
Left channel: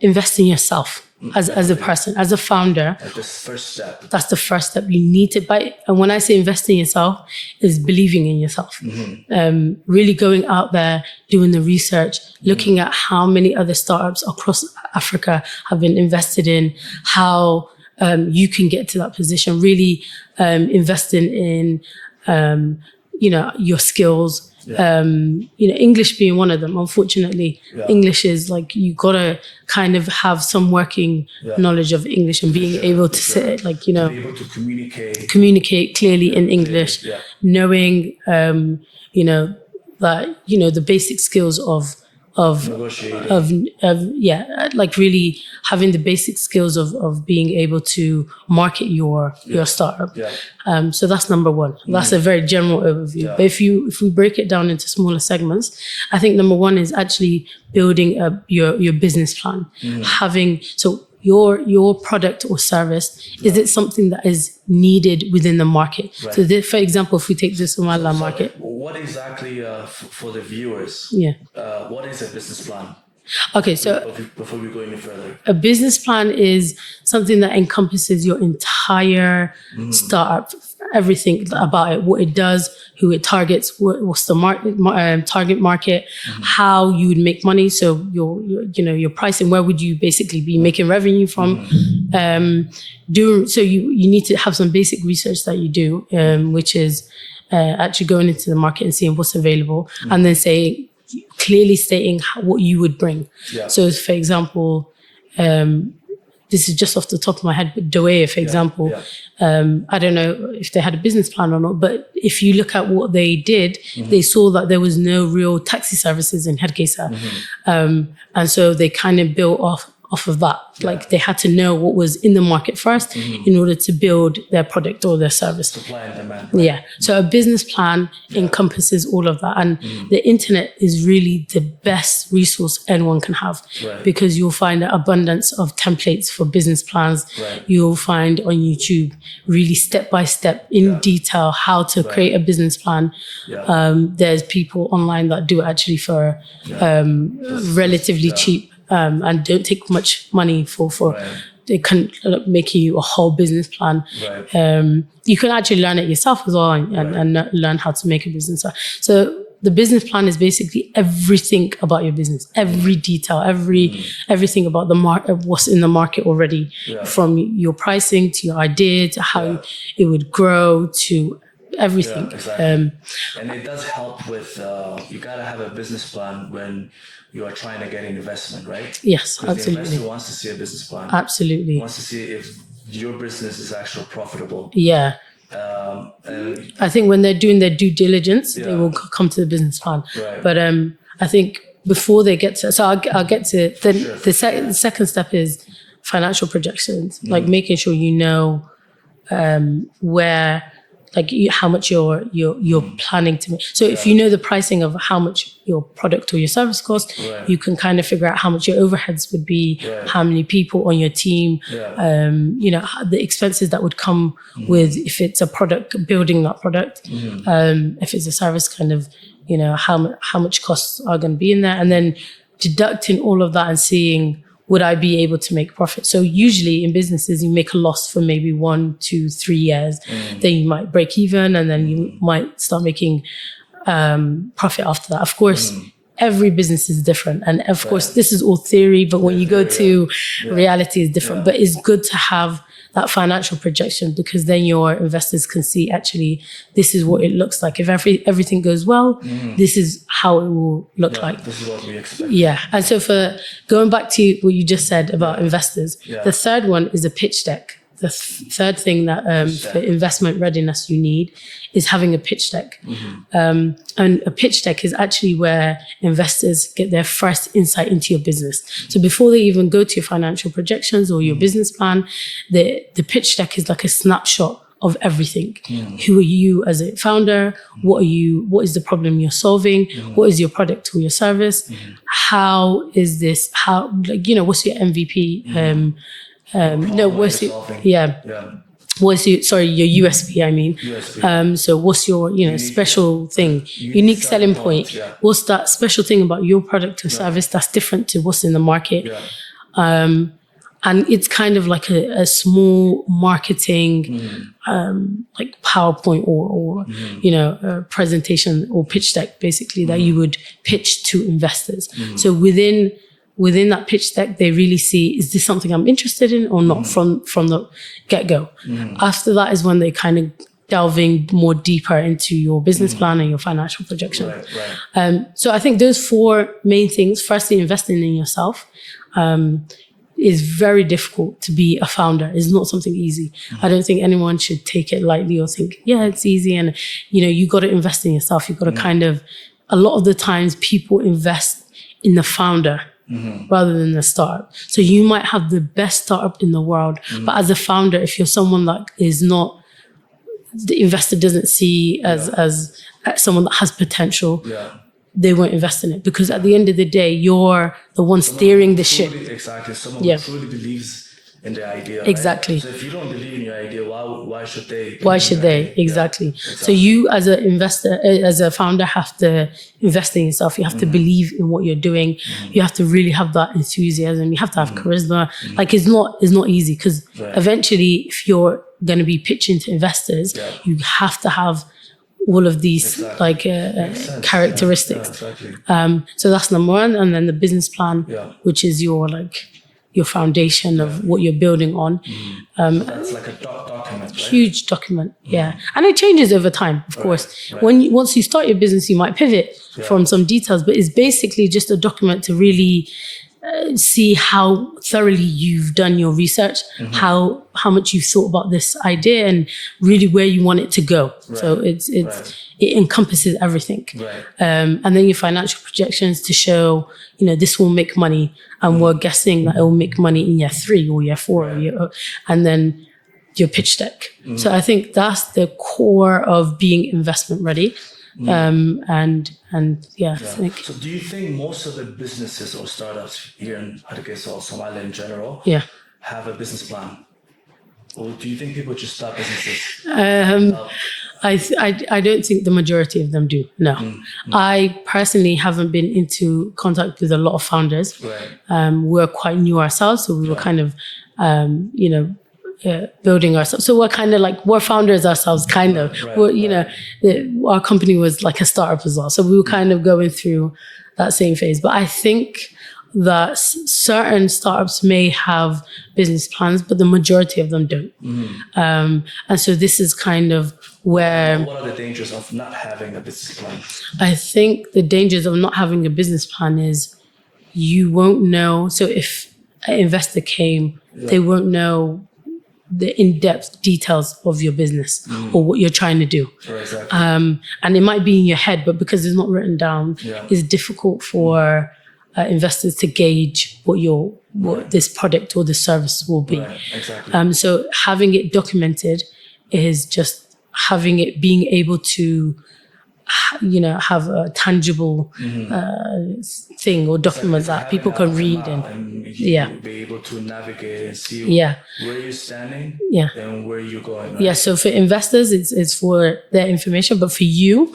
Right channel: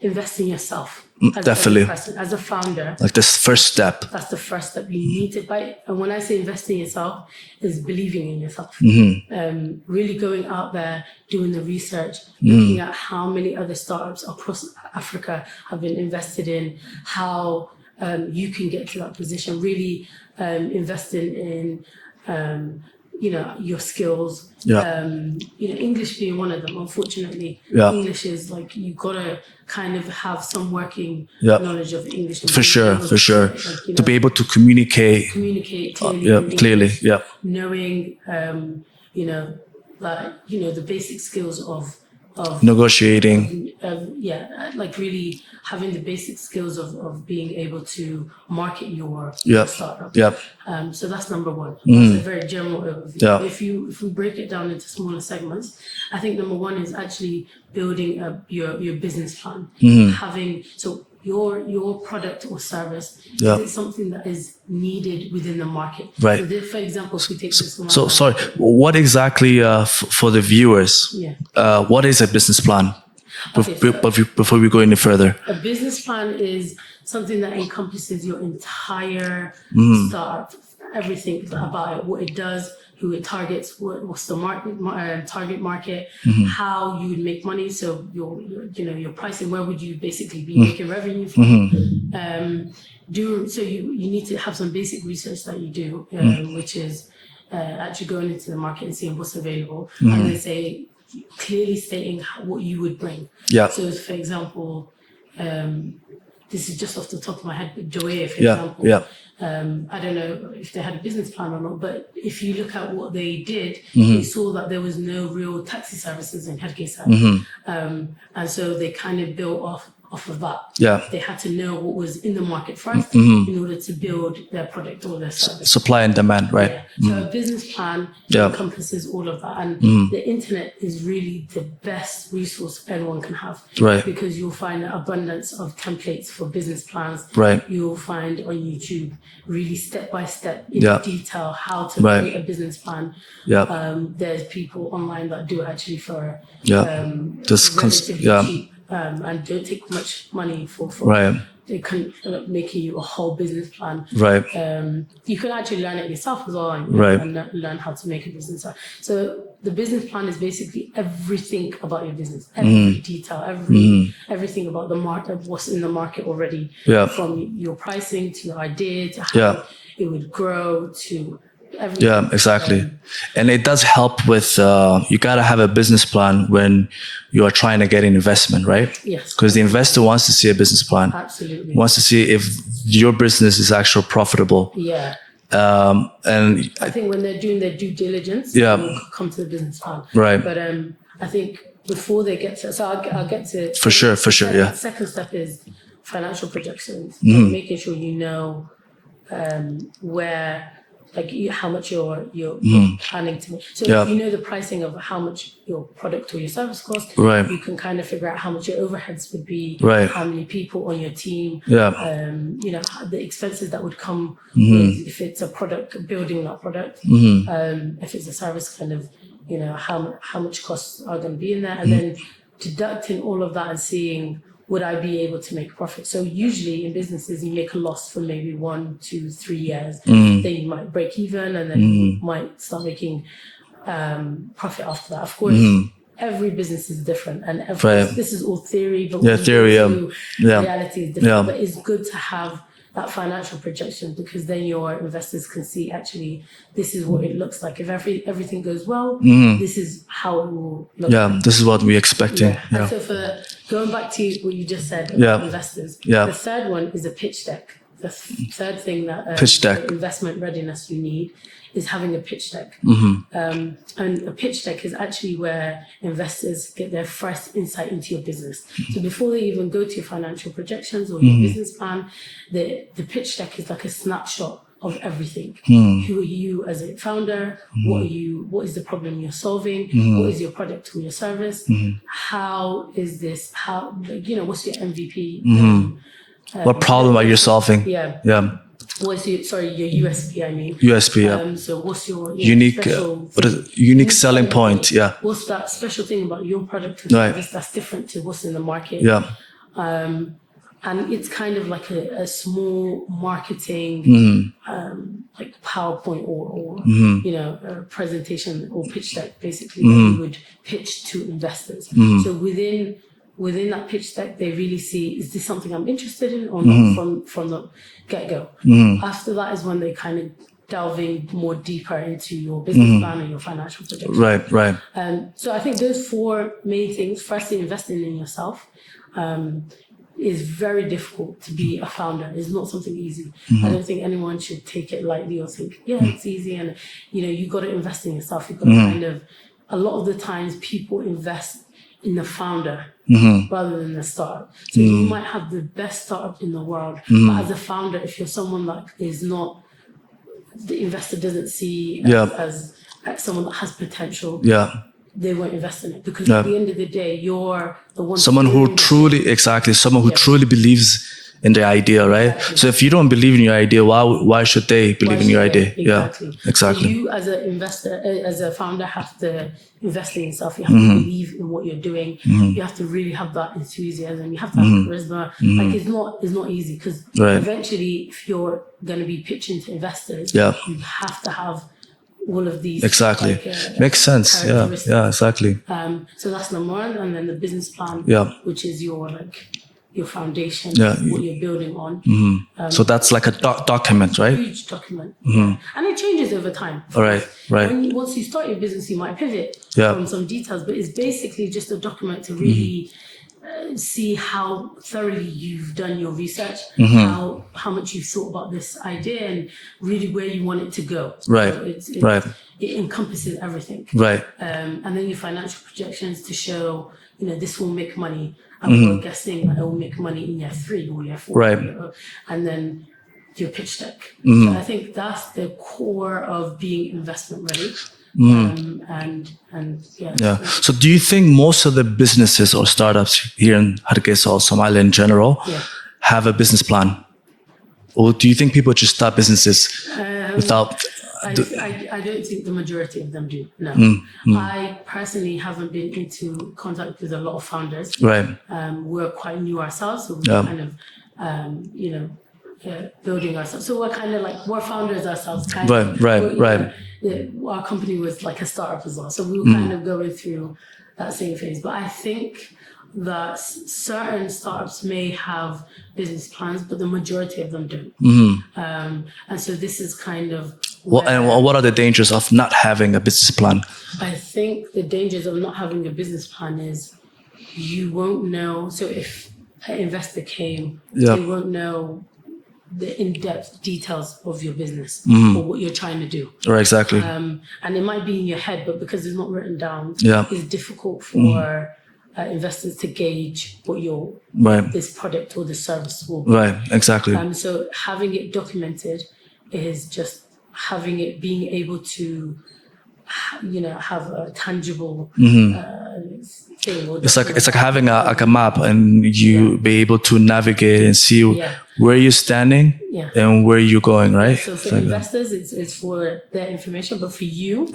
invest in yourself as a person, as a founder. Like this first step. That's the first step. You need to buy. And when I say invest in yourself, is believing in yourself. Really going out there, doing the research, looking at how many other startups across Africa have been invested in, how you can get to that position, really investing in, your skills. English being one of them. Unfortunately, English is like you gotta kind of have some working knowledge of English and being able to say it, to be able to communicate clearly in English, knowing the basic skills of negotiating, like really having the basic skills of being able to market your startup. So that's number one. That's a very general overview. But if we break it down into smaller segments, I think number one is actually building your business plan. Your product or service, is it something that is needed within the market? Right. So for example, if we take this market. What exactly, for the viewers, what is a business plan? Okay, before we go any further. A business plan is something that encompasses your entire startup, everything about it, what it does, who it targets, what's the target market, how you would make money. So your pricing, where would you basically be making revenue from? So you need to have some basic research that you do, which is actually going into the market and seeing what's available, and then clearly stating what you would bring. So for example, this is just off the top of my head, but Doe, for example, I don't know if they had a business plan or not, but if you look at what they did, they saw that there was no real taxi services in Hana Kaise. And so they kind of built off of that. Like they had to know what was in the market first in order to build their product or their service. Supply and demand, right? Yeah. So a business plan encompasses all of that. And the internet is really the best resource anyone can have. Right. Because you'll find an abundance of templates for business plans. Right. You'll find on YouTube really step-by-step in detail how to create a business plan. There's people online that do it actually for relatively cheap. And don't take much money for they can make you a whole business plan. Right. You can actually learn it yourself as well and learn how to make a business plan. So the business plan is basically everything about your business, every detail, everything about the market, what's in the market already, from your pricing to your idea to how it would grow to everything. Yeah, exactly. And it does help with, you got to have a business plan when you are trying to get an investment, right? Yes. Because the investor wants to see a business plan. Absolutely. Wants to see if your business is actually profitable. Yeah. And I think when they're doing their due diligence, they will come to the business plan. Right. But I think before they get to, so I'll get to it. For sure. The second step is financial projections, like making sure you know where, like how much you're planning to make. So if you know the pricing of how much your product or your service costs, you can kind of figure out how much your overheads would be, how many people on your team, the expenses that would come with if it's a product, building that product, if it's a service, kind of, how much costs are going to be in there, and then deducting all of that and seeing would I be able to make profit? So usually in businesses, you make a loss for maybe 1, 2, 3 years. Then you might break even, and then you might start making profit after that. Of course, every business is different. And of course, this is all theory, but when you go to reality is different. But it's good to have that financial projection, because then your investors can see, actually, this is what it looks like. If everything goes well, this is how it will look like. This is what we expect. And so for going back to what you just said about investors, the third one is a pitch deck. The third thing that for investment readiness you need is having a pitch deck. And a pitch deck is actually where investors get their first insight into your business. So before they even go to your financial projections or your business plan, the pitch deck is like a snapshot of everything. Who are you as a founder? What is the problem you're solving? What is your product or your service? How is this? What's your MVP? What problem are you solving? What's your USP? I mean, USP. So what's your unique, special thing? Unique selling point. What's that special thing about your product or service that's different to what's in the market? And it's kind of like a small marketing, like PowerPoint or a presentation or pitch deck, basically, that you would pitch to investors. So within that pitch deck, they really see, is this something I'm interested in or not from the get-go? After that is when they kind of delving more deeper into your business plan and your financial projection. Right. So I think those 4 main things, firstly, investing in yourself, is very difficult to be a founder. It's not something easy. I don't think anyone should take it lightly or think, it's easy. And, you got to invest in yourself. You've got to kind of, a lot of the times people invest in the founder rather than the startup. So you might have the best startup in the world, but as a founder, if you're someone that is not, the investor doesn't see as someone that has potential, they won't invest in it, because at the end of the day, you're the one steering the ship. Someone who truly believes in the idea, right? So if you don't believe in your idea, why should they believe in your idea? Exactly. So you as an investor, as a founder, have to invest in yourself. You have to believe in what you're doing. You have to really have that enthusiasm. You have to have charisma. Like it's not easy, because eventually, if you're going to be pitching to investors, you have to have all of these makes sense characteristics. Exactly. So that's number 1, and then the business plan, which is your foundation of what you're building on. So that's like a document, right? Huge document, and it changes over time, of course. Once you start your business, you might pivot from some details, but it's basically just a document to really see how thoroughly you've done your research, how much you've thought about this idea, and really where you want it to go. So it encompasses everything. And then your financial projections to show, this will make money, and we're guessing that it will make money in year 3 or year 4, and then your pitch deck. So I think that's the core of being investment ready. So do you think most of the businesses or startups here in Hana Kaise or Somaliland in general have a business plan? Or do you think people just start businesses without... I don't think the majority of them do, no. I personally haven't been into contact with a lot of founders. We're quite new ourselves, so we were kind of, building ourselves. So we're kind of like, we're founders ourselves, kind of. Our company was like a startup as well. So we were kind of going through that same phase. But I think that certain startups may have business plans, but the majority of them don't. And so this is kind of where... And what are the dangers of not having a business plan? I think the dangers of not having a business plan is you won't know. So if an investor came, they won't know the in-depth details of your business or what you're trying to do. Exactly. And it might be in your head, but because it's not written down, it's difficult for investors to gauge what what this product or this service will be. So having it documented is just having it, being able to have a tangible thing or document. It's like having a map, and you be able to navigate and see where you're standing and where you're going, right? So for investors, it's for their information, but for you,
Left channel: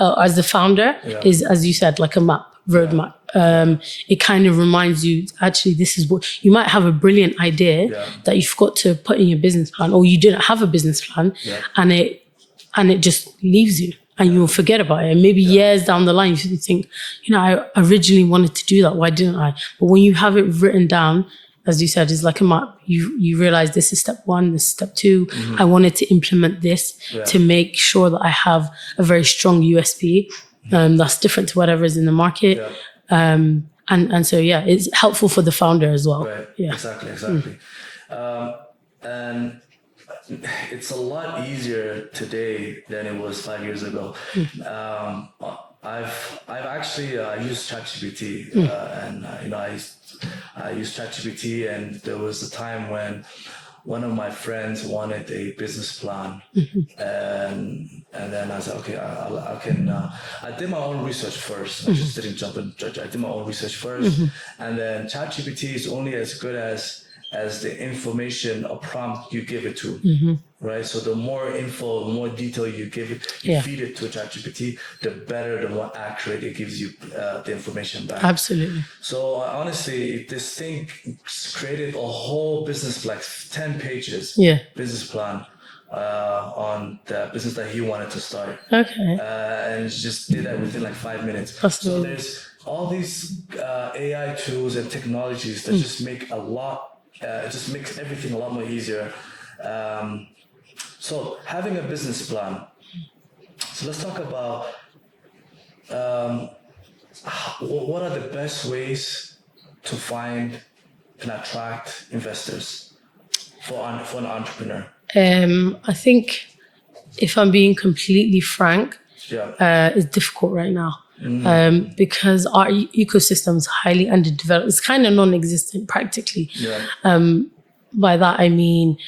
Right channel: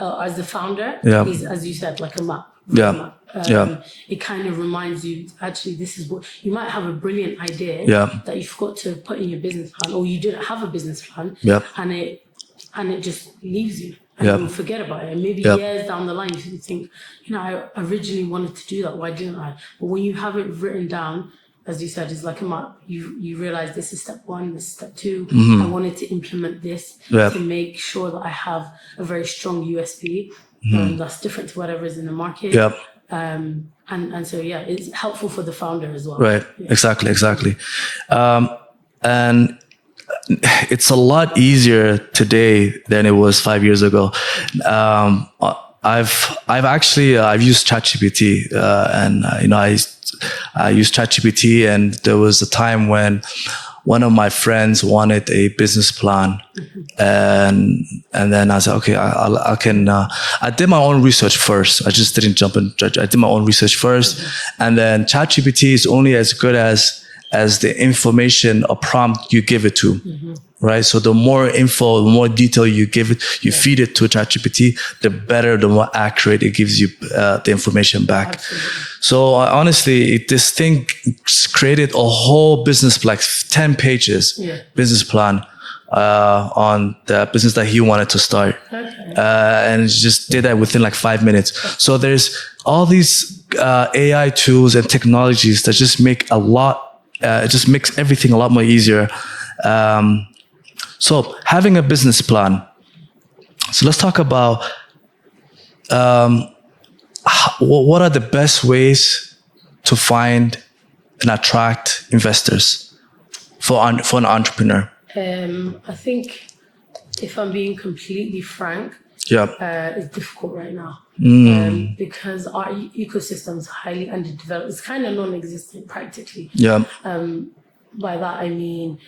as the founder, is, as you said, like a map, roadmap. It kind of reminds you, actually, this is what you might have a brilliant idea that you forgot to put in your business plan, or you didn't have a business plan, and it just leaves you, and you will forget about it. And maybe years down the line, you think, I originally wanted to do that. Why didn't I? But when you have it written down, as you said, it's like a map. You realize this is step 1, this is step 2. I wanted to implement this to make sure that I have a very strong USP that's different to whatever is in the market. And so, it's helpful for the founder as well. Right. Exactly. And it's a lot easier today than it was 5 years ago. I've used ChatGPT, and I used ChatGPT, and there was a time when one of my friends wanted a business plan, and then I said, okay, I can. I did my own research first. I just didn't jump in. I did my own research first, and then ChatGPT is only as good as the information or prompt you give it to. Right. So the more info, the more detail you give it, you feed it to ChatGPT, the better, the more accurate it gives you the information back. Absolutely. So honestly, this thing created a whole business, like 10 pages business plan on the business that he wanted to start. Okay. And just did that within like 5 minutes. So there's all these AI tools and technologies that just make it just makes everything a lot more easier. So having a business plan. So let's talk about what are the best ways to find and attract investors for an entrepreneur? I think if I'm being completely frank, it's difficult right now. Because our ecosystem is highly underdeveloped. It's kind of non-existent practically. By that I mean,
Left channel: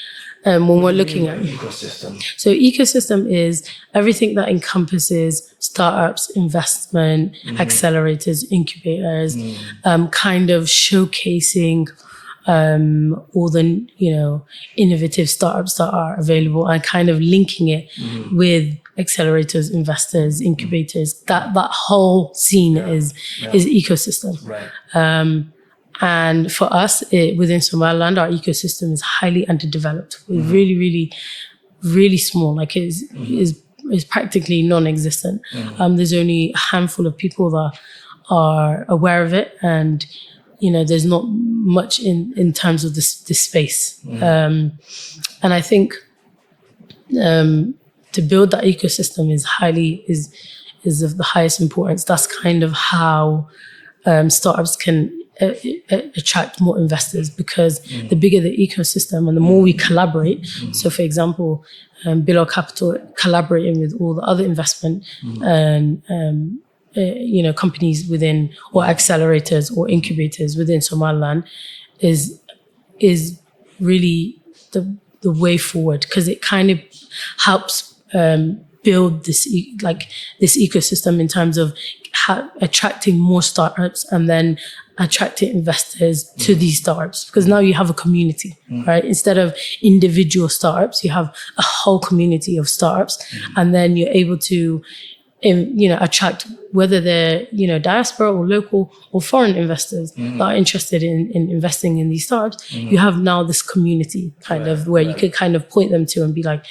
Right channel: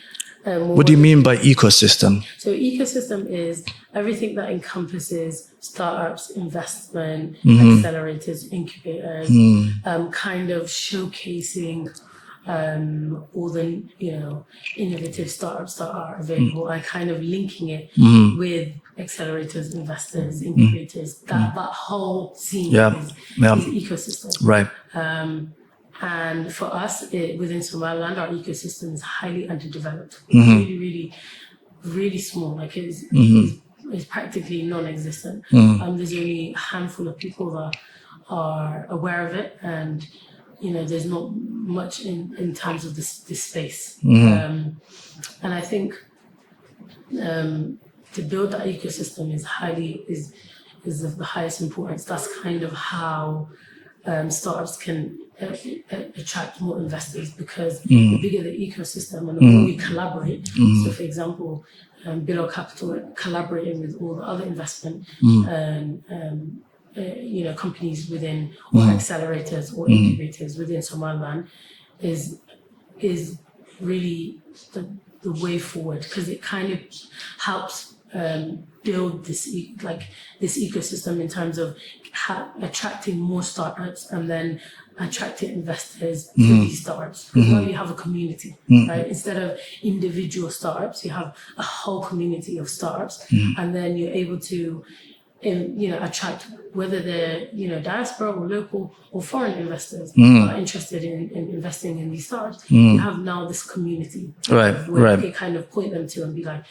what do you mean by ecosystem? So ecosystem is everything that encompasses startups, investment, accelerators, incubators, kind of showcasing all the innovative startups that are available, and kind of linking it with accelerators, investors, incubators. That whole scene is ecosystem. Right. And for us, within Somaliland, our ecosystem is highly underdeveloped. We're really, really, really small. Like is practically non-existent. There's only a handful of people that are aware of it, and there's not much in terms of this space. And I think to build that ecosystem is of the highest importance. That's kind of how startups can attract more investors, because the bigger the ecosystem and the more we collaborate. So for example, Bilal Capital collaborating with all the other investment companies within, or accelerators or incubators within Somaliland is really the way forward, because it kind of helps build this ecosystem in terms of attracting more startups and then attracting investors to these startups, because now you have a community, right? Instead of individual startups, you have a whole community of startups, and then you're able to attract, whether they're diaspora or local or foreign investors that are interested in investing in these startups. You have now this community where you can kind of point them to and be like,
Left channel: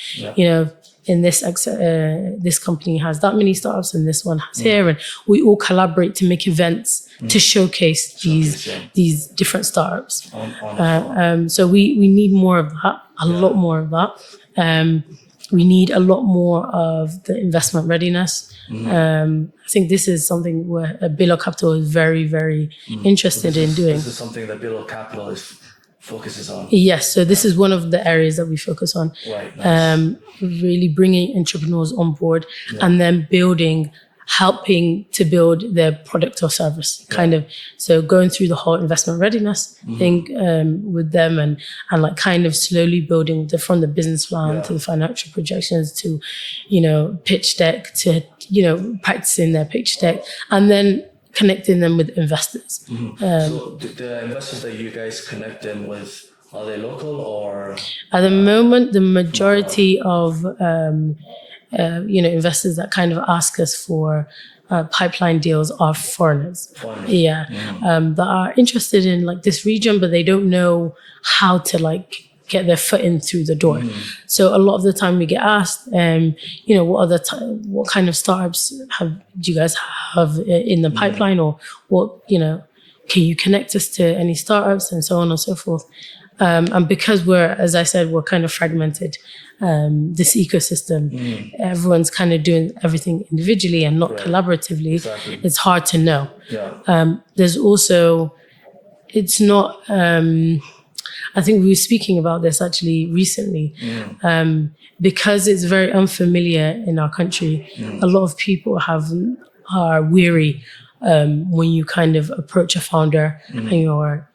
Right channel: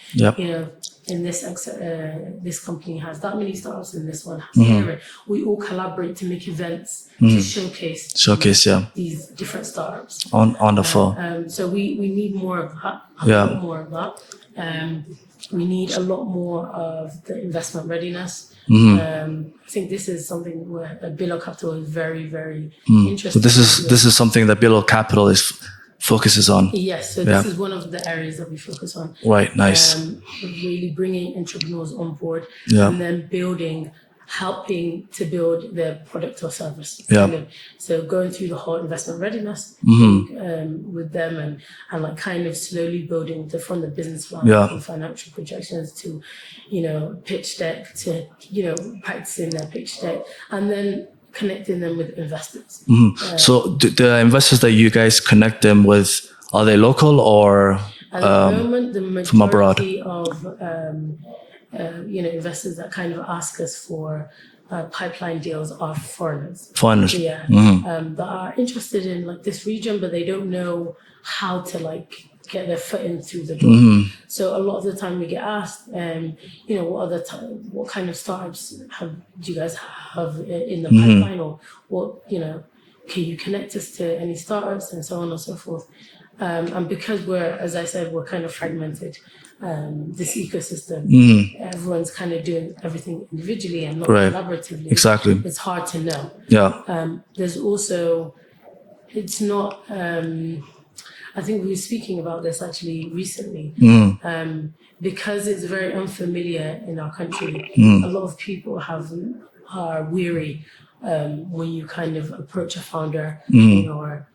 in this company has that many startups, and this one has here, and we all collaborate to make events to showcase these different startups. Wonderful. So we need more of that, a lot more of that. We need a lot more of the investment readiness. I think this is something where Bilal Capital is very, very interested in doing. This is something that Bilal Capital focuses on. Yes, so this is one of the areas that we focus on. Right, nice. Really bringing entrepreneurs on board and then helping to build their product or service, kind of. So going through the whole investment readiness thing with them, and like kind of slowly building from the business plan to the financial projections to, pitch deck to, practicing their pitch deck, and then connecting them with investors. So the investors that you guys connect them with, are they local or? At the moment, the majority of investors that kind of ask us for pipeline deals are foreigners. Foreigners. Yeah. That are interested in like this region, but they don't know how to like get their foot in through the door. So a lot of the time we get asked, what kind of startups do you guys have in the pipeline, or what, can you connect us to any startups, and so on and so forth. And because as I said, we're kind of fragmented, this ecosystem, everyone's kind of doing everything individually and not collaboratively. Exactly. It's hard to know. Yeah. There's also, it's not, I think we were speaking about this actually recently, because it's very unfamiliar in our country. A lot of people are weary when you kind of approach a founder and you're,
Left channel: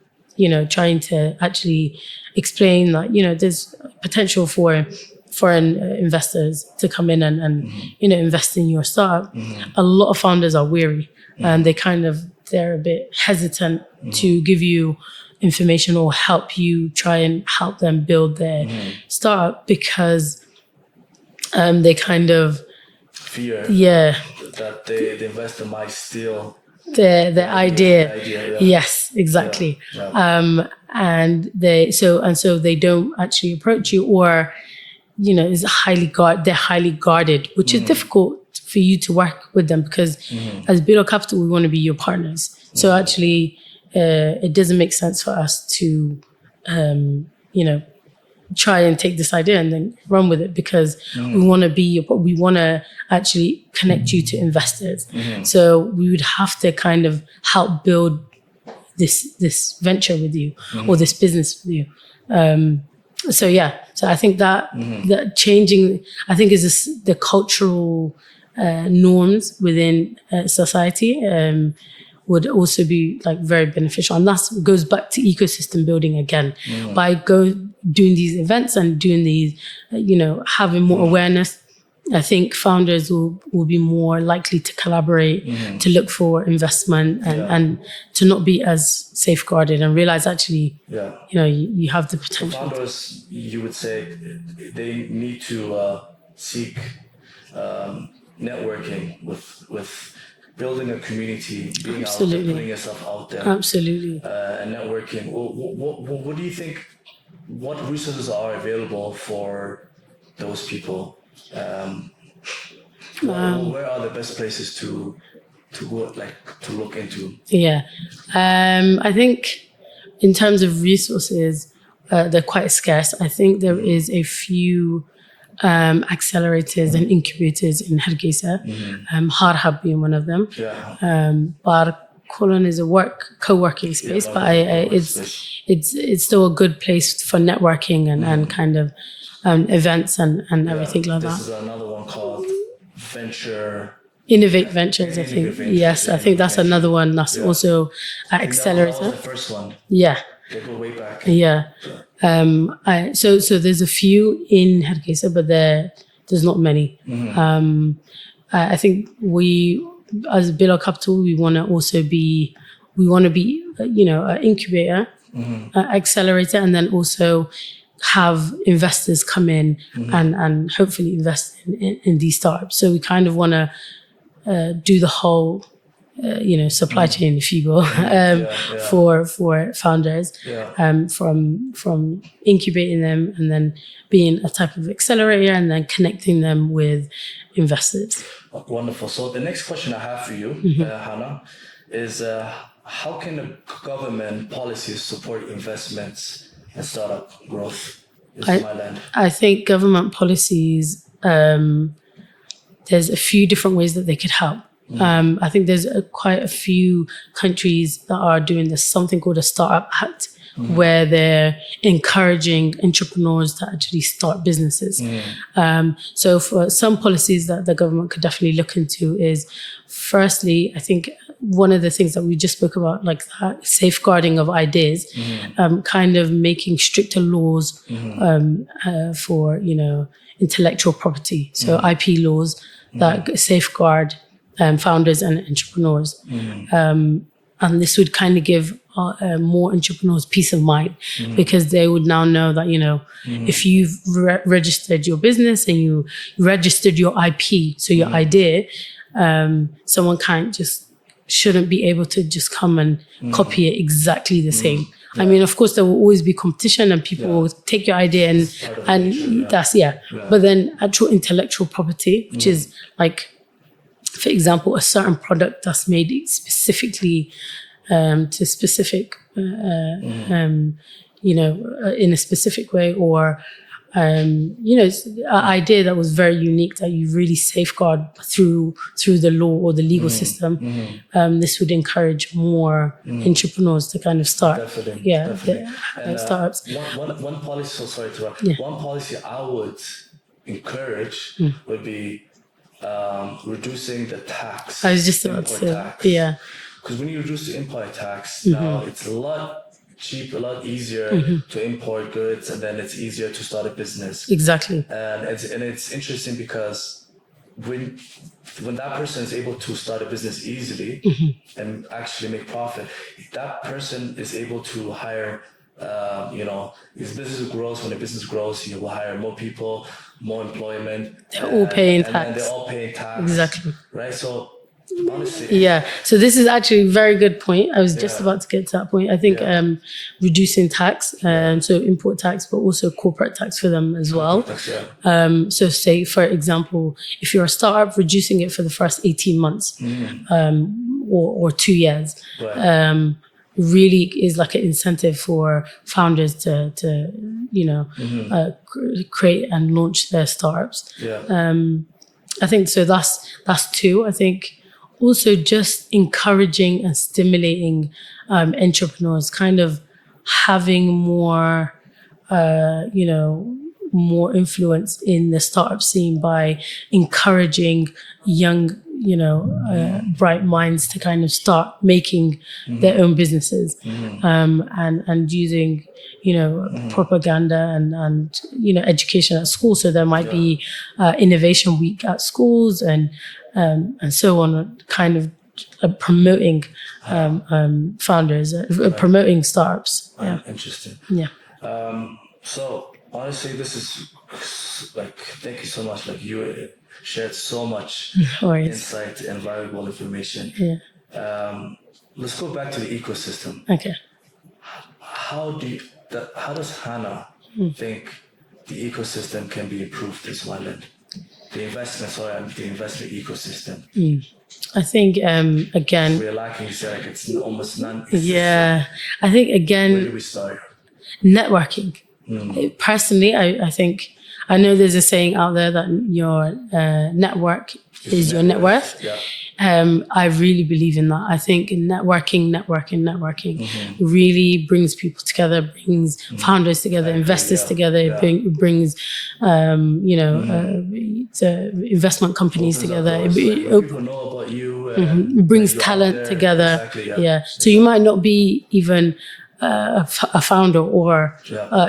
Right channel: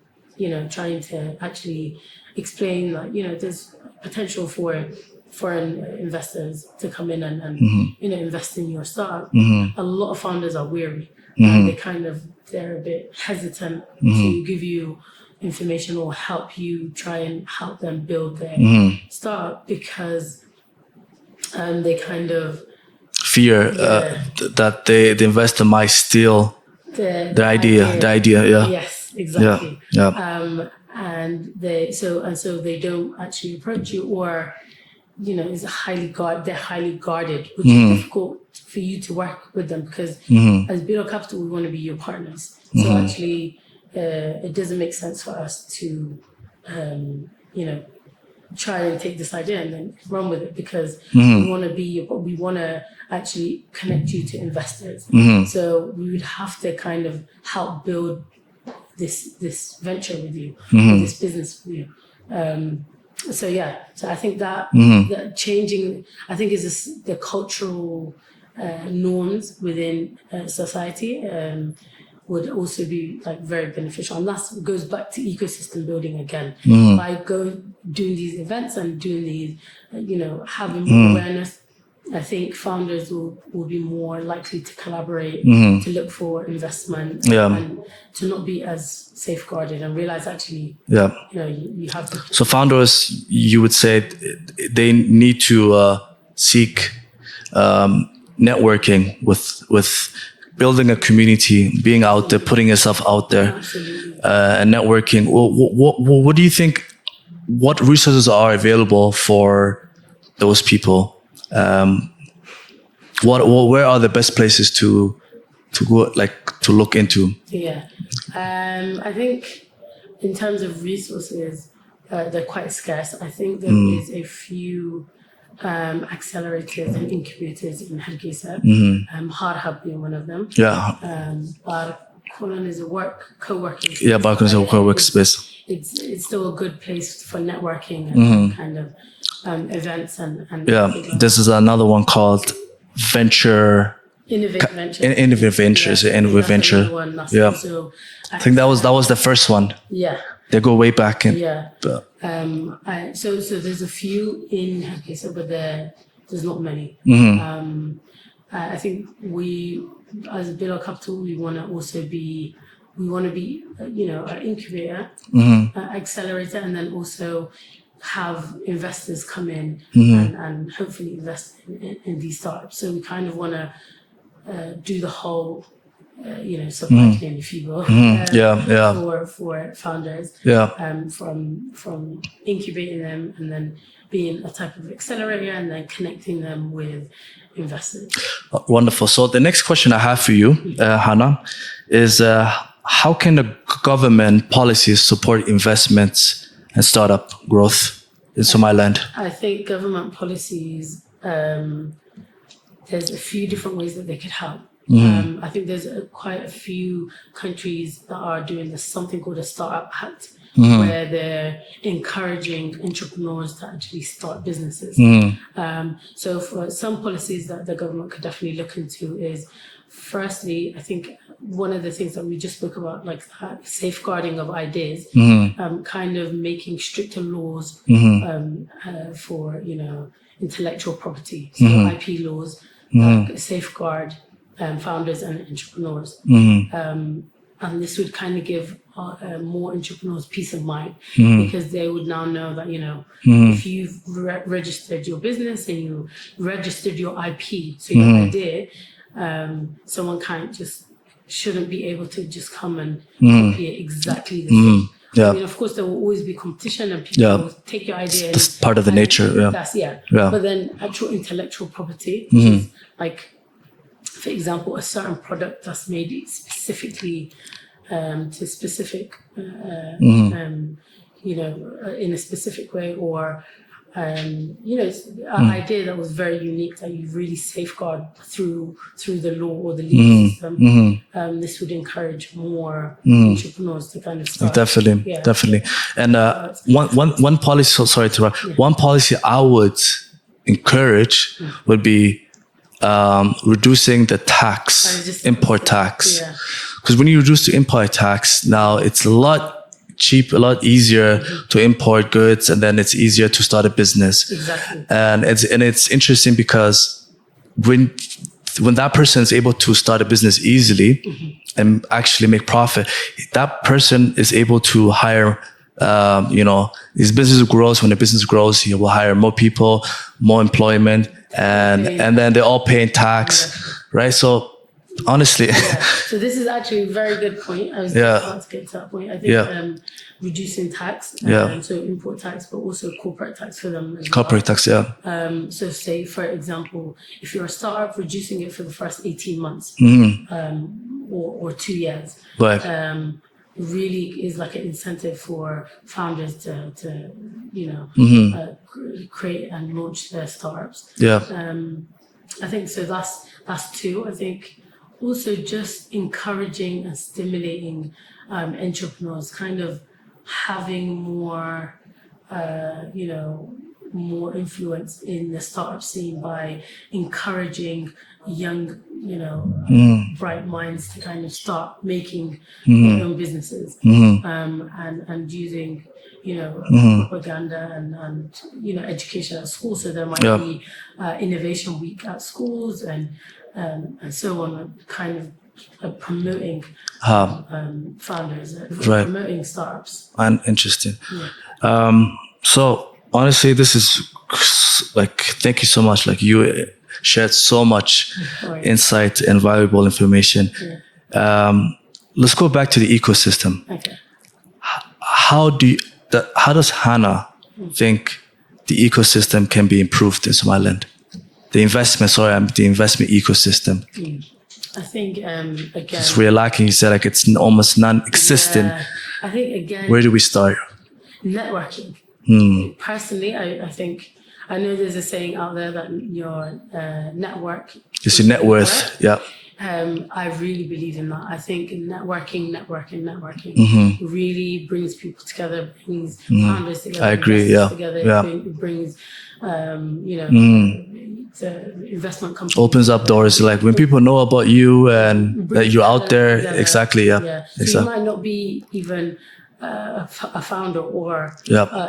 trying to actually explain that, there's potential for foreign investors to come in and invest in your startup. A lot of founders are weary and they're a bit hesitant to give you information or try and help them build their startup, because they kind of fear that the investor might steal the idea. Yeah. Yes, exactly. Yeah. And so they don't actually approach you, or is they're highly guarded, which is difficult for you to work with them, because as Bilo Capital, we want to be your partners. So actually, it doesn't make sense for us to, try and take this idea and then run with it, because we want to actually connect you to investors. So we would have to kind of help build this venture with you, or this business with you. So I think that changing, I think, is the cultural norms within society would also be like very beneficial, and that goes back to ecosystem building again. By doing these events and doing these, having more awareness, I think founders will be more likely to collaborate, to look for investment, and to not be as safeguarded, and realize actually, you have the potential. So founders, you would say they need to seek networking with building a community, being out there, putting yourself out there. Absolutely. And networking. What do you think? What resources are available for those people? Where are the best places to go, to look into? Yeah, I think in terms of resources, they're quite scarce. I think there is a few accelerators and incubators in Hana Kaise, Hard being one of them. Bar Colon is a co-working space. Bar Colon is a co-working space. It's still a good place for networking and kind of events and everything like that. This is another one called Innovate Ventures. Innovate Ventures. Yes, I think that's another one. That's also. I think that was the first one. Yeah. They go way back. So there's a few in Hana Kaise, but there's not many. I think we, as Bilo Capital, we want to be an incubator, accelerator, and then also have investors come in and hopefully invest in these startups. So we kind of want to do the whole supply chain, if you will, for founders, from incubating them and then being a type of accelerator and then connecting them with investors. Wonderful. So the next question I have for you, Hana, is how can the government policies support investments and startup growth in Somaliland? I think government policies, there's a few different ways that they could help. I think there's quite a few countries that are doing this, something called a Startup Act, where they're encouraging entrepreneurs to actually start businesses. So for some policies that the government could definitely look into is, firstly, I think one of the things that we just spoke about, like that safeguarding of ideas, kind of making stricter laws for, intellectual property. So IP laws that safeguard founders and entrepreneurs. And this would kind of give more entrepreneurs peace of mind, because they would now know that, if you've registered your business and you registered your IP, so your idea, someone shouldn't be able to just come and copy it exactly the same. Yeah. I mean, of course, there will always be competition, and people will take your idea, and it's part of the nature. Yeah. But then actual intellectual property, which is like, for example, a certain product that's made specifically to specific, in a specific way, or an idea that was very unique that you really safeguard through the law or the legal system. This would encourage more entrepreneurs to kind of start. Definitely. And one policy. Sorry to interrupt. One policy I would encourage would be reducing the import tax. Yeah. Because when you reduce the import tax, now it's a lot easier to import goods, and then it's easier to start a business. Exactly. And it's interesting because when that person is able to start a business easily and actually make profit, that person is able to hire, his business grows. When the business grows, he will hire more people, more employment, and then they're all paying tax. Exactly. Right? So honestly. Yeah. So this is actually a very good point. I was just about to get to that point. I think reducing tax, so import tax, but also corporate tax for them as well. Corporate tax, yeah. So say, for example, if you're a startup, reducing it for the first 18 months or 2 years. Right. Really is like an incentive for founders to create and launch their startups. Yeah. I think so. That's two. I think also just encouraging and stimulating entrepreneurs, kind of having more, more influence in the startup scene by encouraging young, bright minds to kind of start making their own businesses, and using, propaganda and education at school. So there might be innovation week at schools and so on, kind of promoting founders, promoting startups. And interesting. Yeah. So honestly, this is like, thank you so much. Like, you shared so much insight and valuable information. Yeah. Let's go back to the ecosystem. Okay. How does Hana think the ecosystem can be improved in Somaliland? The investment ecosystem. I think, again, we're lacking. You said like it's almost non-existent. Yeah. I think, again, where do we start? Networking. Personally, I think, I know there's a saying out there that your network is your net worth. Yeah. I really believe in that. I think networking really brings people together, brings founders together, investors together. It brings, investment companies opens together. up doors. Like when people know about you and that you're out there. Together. Exactly. Yeah. Yeah. So you might not be even a founder or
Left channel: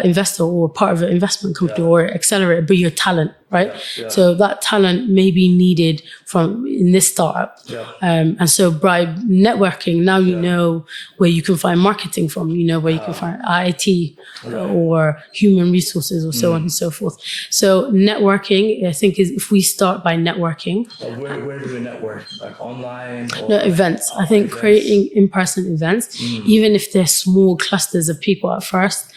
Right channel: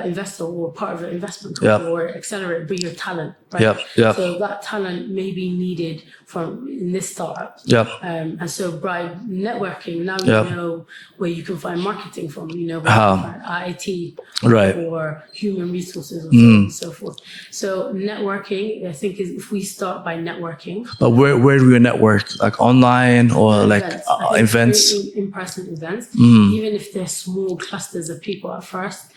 investor or part of an investment company or accelerator, but your talent, right? So that talent may be needed in this startup. And so by networking, now you know where you can find marketing from, where you can find IT or human resources or so on and so forth. So networking, I think, is if we start by networking. But where do we network? Like online or events? I think events? Creating in-person events, even if they're small clusters of people at first,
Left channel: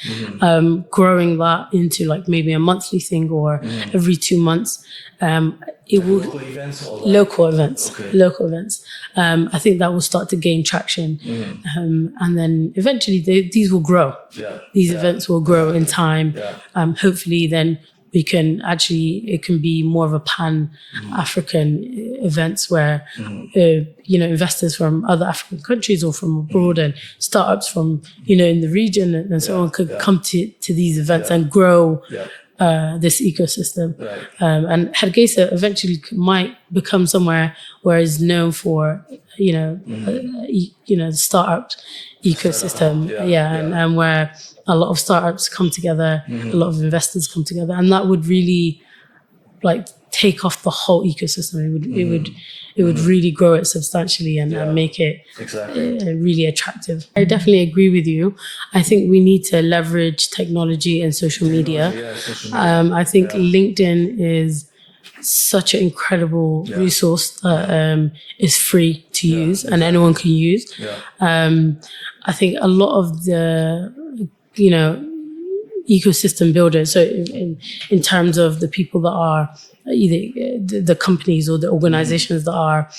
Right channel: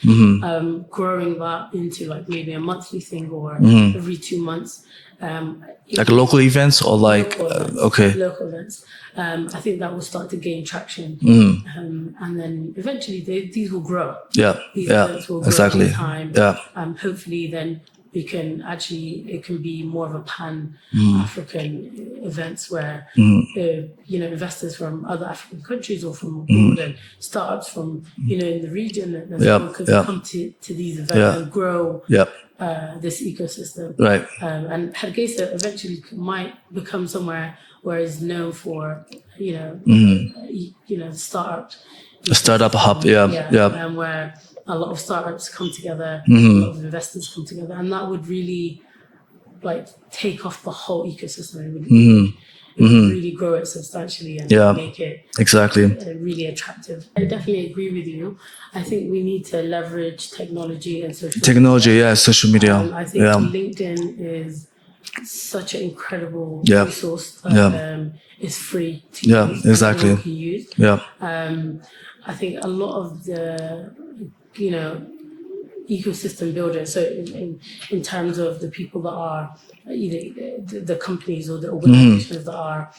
growing that into like maybe a monthly thing or every 2 months. Like local events or like local events. Local events. I think that will start to gain traction, and then eventually these will grow. These events will grow in time. Hopefully, then we can it can be more of a pan-African events where investors from other African countries or from abroad and startups from in the region and so on could come to these events and grow. This ecosystem, right? And Hana Kaise eventually might become somewhere where it's known for startup ecosystem, a startup hub, and where a lot of startups come together, a lot of investors come together, and that would really like take off the whole ecosystem. It would really grow it substantially and make it really attractive. I definitely agree with you. I think we need to leverage technology and social media. Social media. I think LinkedIn is such an incredible resource that is free to use and exactly. anyone can use. Yeah. I think a lot of the, ecosystem builders, so in terms of the people that are either the companies or the organizations that are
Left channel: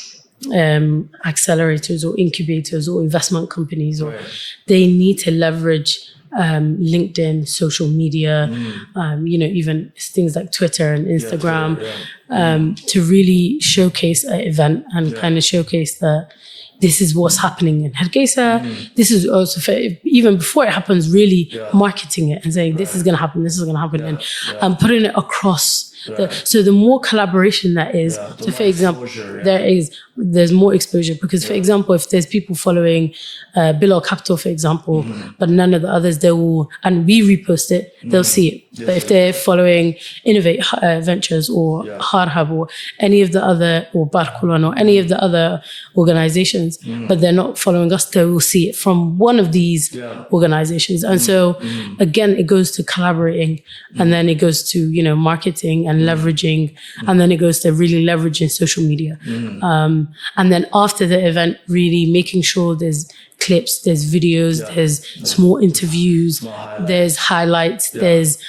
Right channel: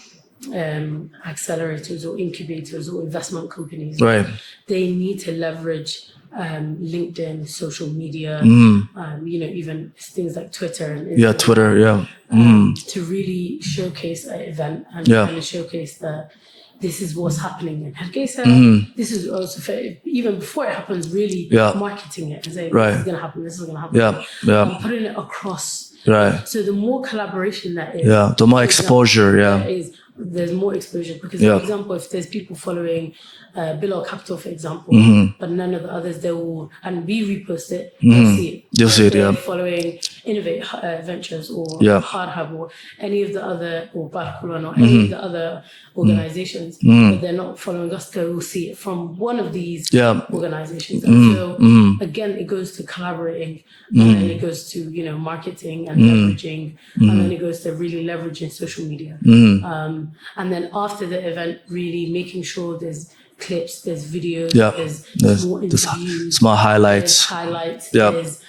accelerators or incubators or investment companies, right. They need to leverage LinkedIn, social media, even things like Twitter and Instagram, to really showcase an event and kind of showcase that this is what's happening in Hana Kaise. This is also, even before it happens, really marketing it and saying, this is going to happen, this is going to happen. And putting it across. Right. So the more collaboration that is, the more exposure, there's more exposure. Because, for example, if there's people following Below Capital, for example, but none of the others, they will, and we repost it, they'll see it. If they're following Innovate Ventures or Harhab or any of the other, or Barkulan or any of the other organizations, but they're not following us, they will see it from one of these organizations. And so, again, it goes to collaborating, and then it goes to, marketing and leveraging, and then it goes to really leveraging social media. And then after the event, really making sure there's clips, there's videos, there's small interviews, small highlights, there's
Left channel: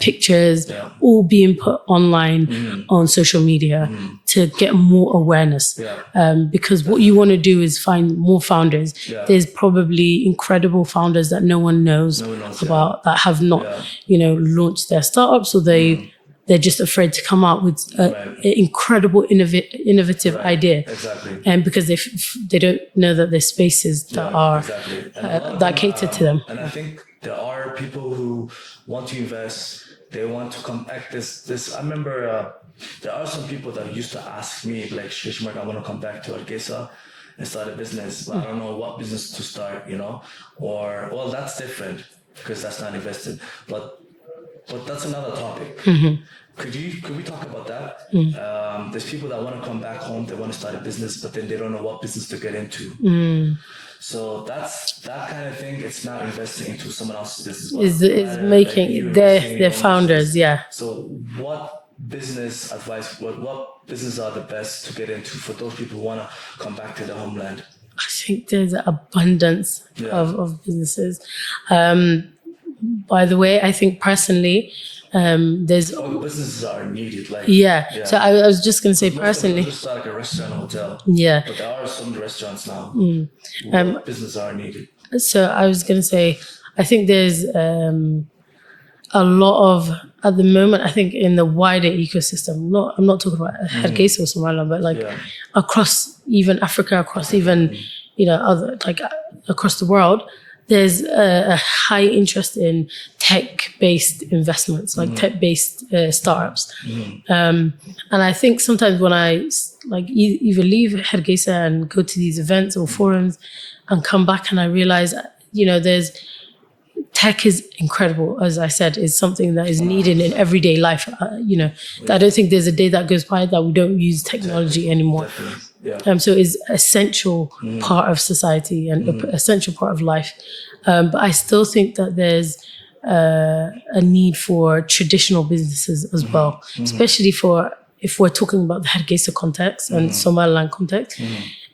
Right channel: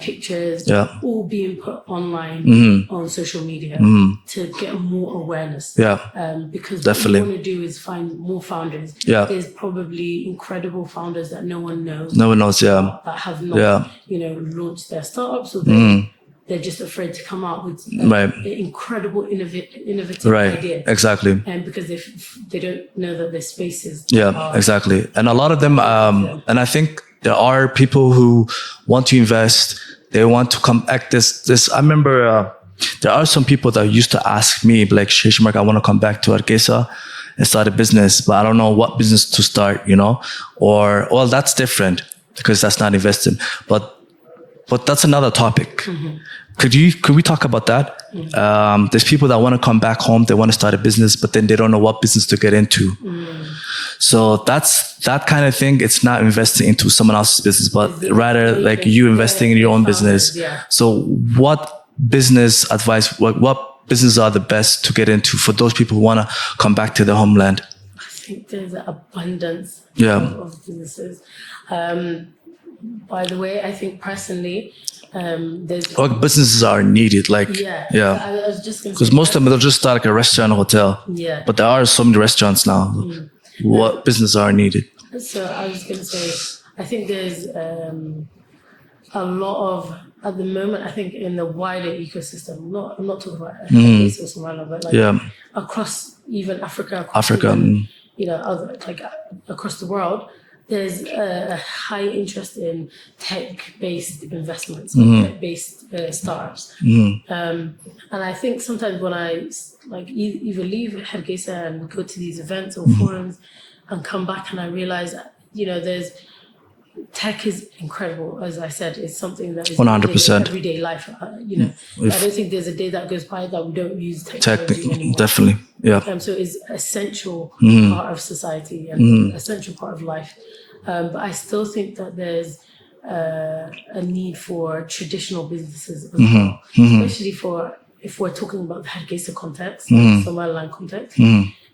pictures, all being put online on social media to get more awareness. Because what you want to do is find more founders. There's probably incredible founders that no one knows about, that have not, launched their startups, or they're just afraid to come out with an incredible innovative idea. Exactly. And because they don't know that there's spaces that are exactly. And a lot of them, and I think there are people who want to invest. They want to come act this. I remember there are some people that used to ask me, like, Shishmark, I want to come back to Hana Kaise and start a business, but I don't know what business to start, or, well, that's different because that's not investing. But that's another topic. Could we talk about that? There's people that want to come back home, they want to start a business, but then they don't know what business to get into. So that's that kind of thing. It's not investing into someone else's business, but rather like you investing in your own business. So what business advice, what businesses are the best to get into for those people who want to come back to their homeland? I think there's an abundance of businesses. By the way, I think personally, there's businesses are needed. So I was just going to say, because most of them, they'll just start like a restaurant, hotel. But there are so many restaurants now. What businesses are needed? So I was going to say, I think there's a lot of, at the moment, I think in the wider ecosystem, I'm not talking about Hana Kaise or Somaliland, but across even Africa, even other, like across the world, there's a high interest in tech-based investments, like tech-based startups. And I think sometimes when I either leave Hana Kaise and go to these events or forums and come back, and I realize, there's tech is incredible, as I said, is something that is 100%. Needed in everyday life. I don't think there's a day that goes by that we don't use technology anymore. Definitely, so it's essential part of society and an essential part of life. But I still think that there's a need for traditional businesses as well, especially if we're talking about the Hana Kaise context and Somaliland context.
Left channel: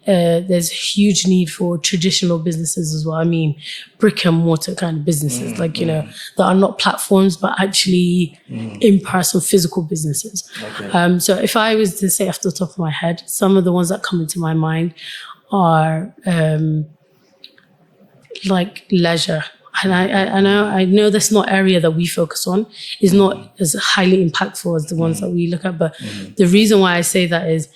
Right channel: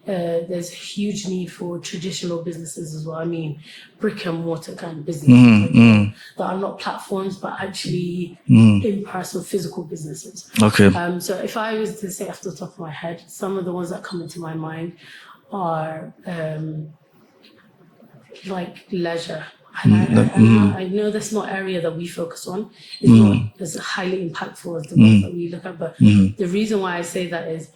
There's a huge need for traditional businesses as well. I mean, brick and mortar kind of businesses, that are not platforms, but actually in-person physical businesses. Okay. So if I was to say off the top of my head, some of the ones that come into my mind are like leisure. And I know that's not area that we focus on. It's not as highly impactful as the ones that we look at. But the reason why I say that is,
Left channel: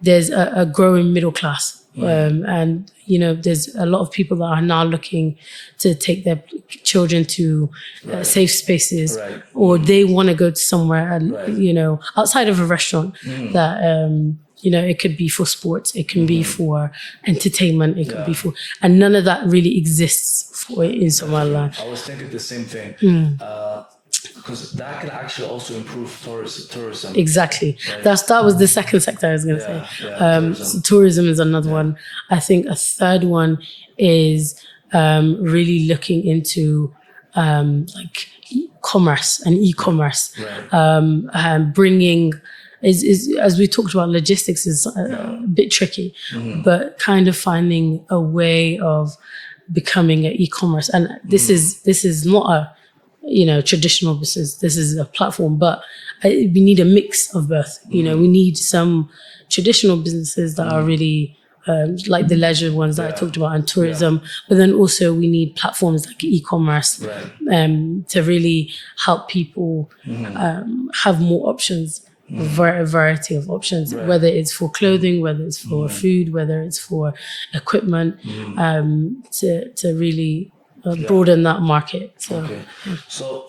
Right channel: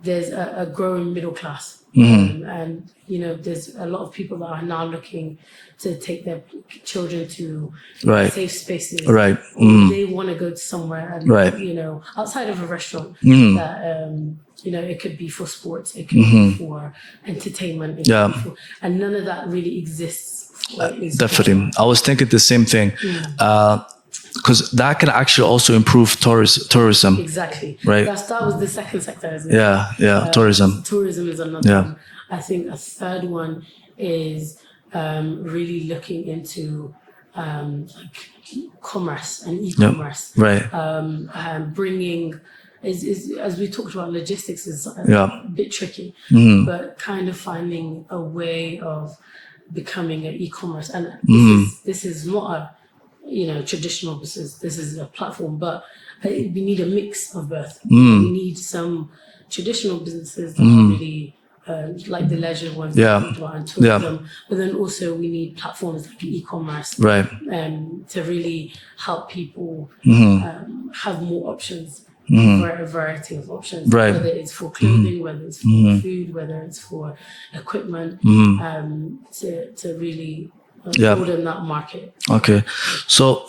there's a growing middle class. And, there's a lot of people that are now looking to take their children to safe spaces. Or they want to go to somewhere and, outside of a restaurant that, it could be for sports, it can be for entertainment, it can be for, and none of that really exists for what it is. Definitely. I was thinking the same thing. Because that can actually also improve tourism. Exactly. Right. That was the second sector I was going to say. Tourism. So tourism is another one. I think a third one is really looking into like commerce and e-commerce. Right. Bringing is as we talked about, logistics is a bit tricky, but kind of finding a way of becoming an e-commerce. And this is not a traditional business. This is a platform, but we need a mix of both. We need some traditional businesses that are really like the leisure ones that I talked about, and tourism. But then also we need platforms like e-commerce to really help people have more options. A variety of options, whether it's for clothing, whether it's for food, whether it's for equipment, to really broaden that market. Okay. So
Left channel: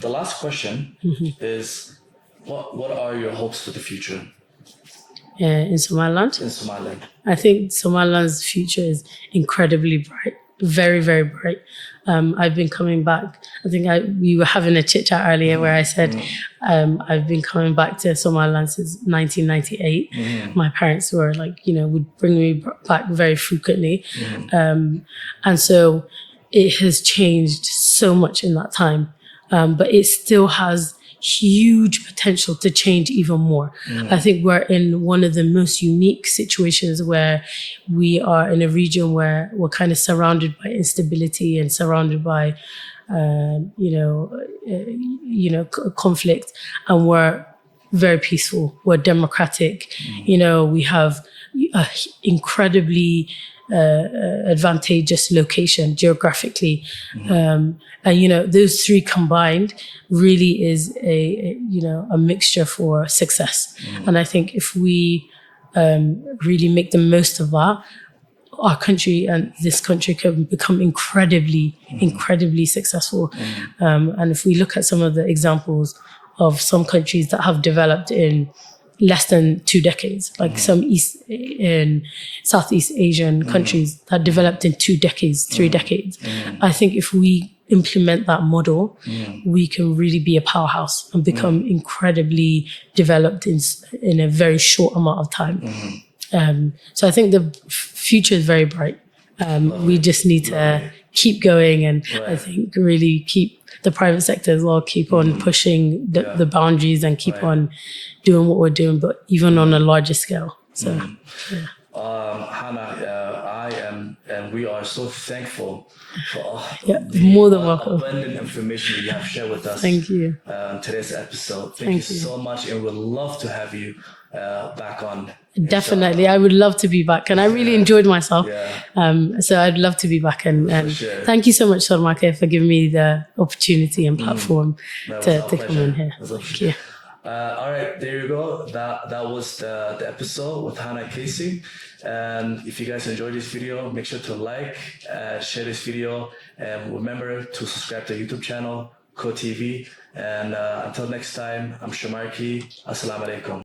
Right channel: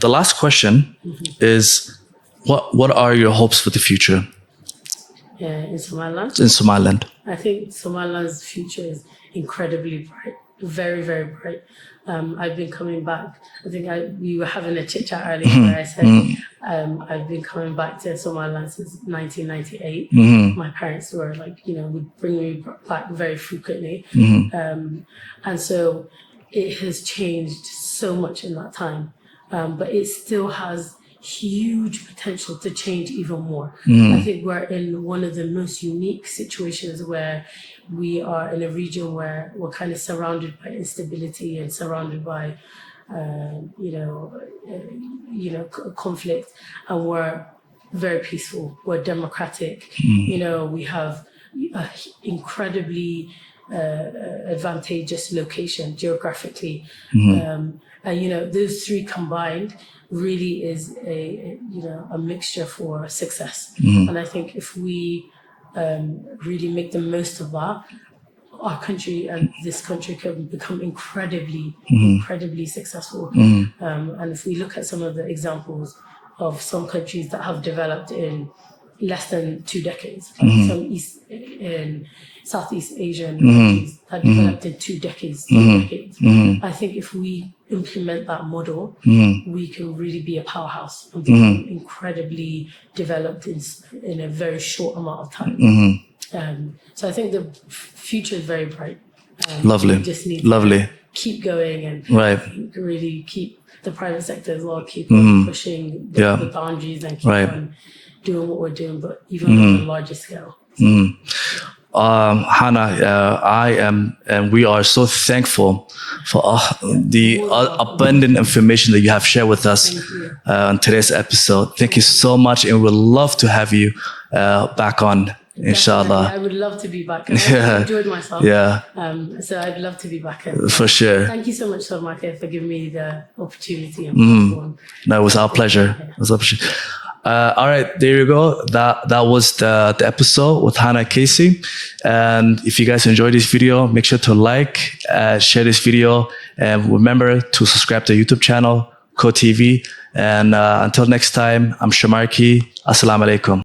the last question is, what are your hopes for the future? In Somaliland? In Somaliland. I think Somaliland's future is incredibly bright, very, very bright. I've been coming back. I think we were having a chit chat earlier where I said I've been coming back to Somaliland since 1998. My parents were like, would bring me back very frequently. And so it has changed so much in that time. But it still has huge potential to change even more. I think we're in one of the most unique situations where we are in a region where we're kind of surrounded by instability and surrounded by, conflict, and we're very peaceful. We're democratic. We have a incredibly advantageous location geographically. And those three combined really is a mixture for success. And I think if we really make the most of that, our country and this country can become incredibly successful. And if we look at some of the examples of some countries that have developed in less than 2 decades, like some Southeast Asian countries that developed in 2 decades, 3 decades. I think if we implement that model, we can really be a powerhouse and become incredibly developed in a very short amount of time. So I think the future is very bright. Lovely. We just need to keep going, and I think really keep the private sector as well, keep on pushing the boundaries and keep on doing what we're doing, but even on a larger scale. So, Hana, I am, and we are so thankful for the abundant information that you have shared with us on today's episode. Thank you so much, and we'd love to have you back on. Definitely, inshallah. I would love to be back, and I really enjoyed myself. So I'd love to be back. And for sure. Thank you so much, Salmake, for giving me the opportunity and platform. No, it was our pleasure. It was our pleasure. All right, there you go. That was the episode with Hana Kaise. And if you guys enjoyed this video, make sure to like, share this video, and remember to subscribe to the YouTube channel, Co TV. And until next time, I'm Shamarki. Assalamu alaikum.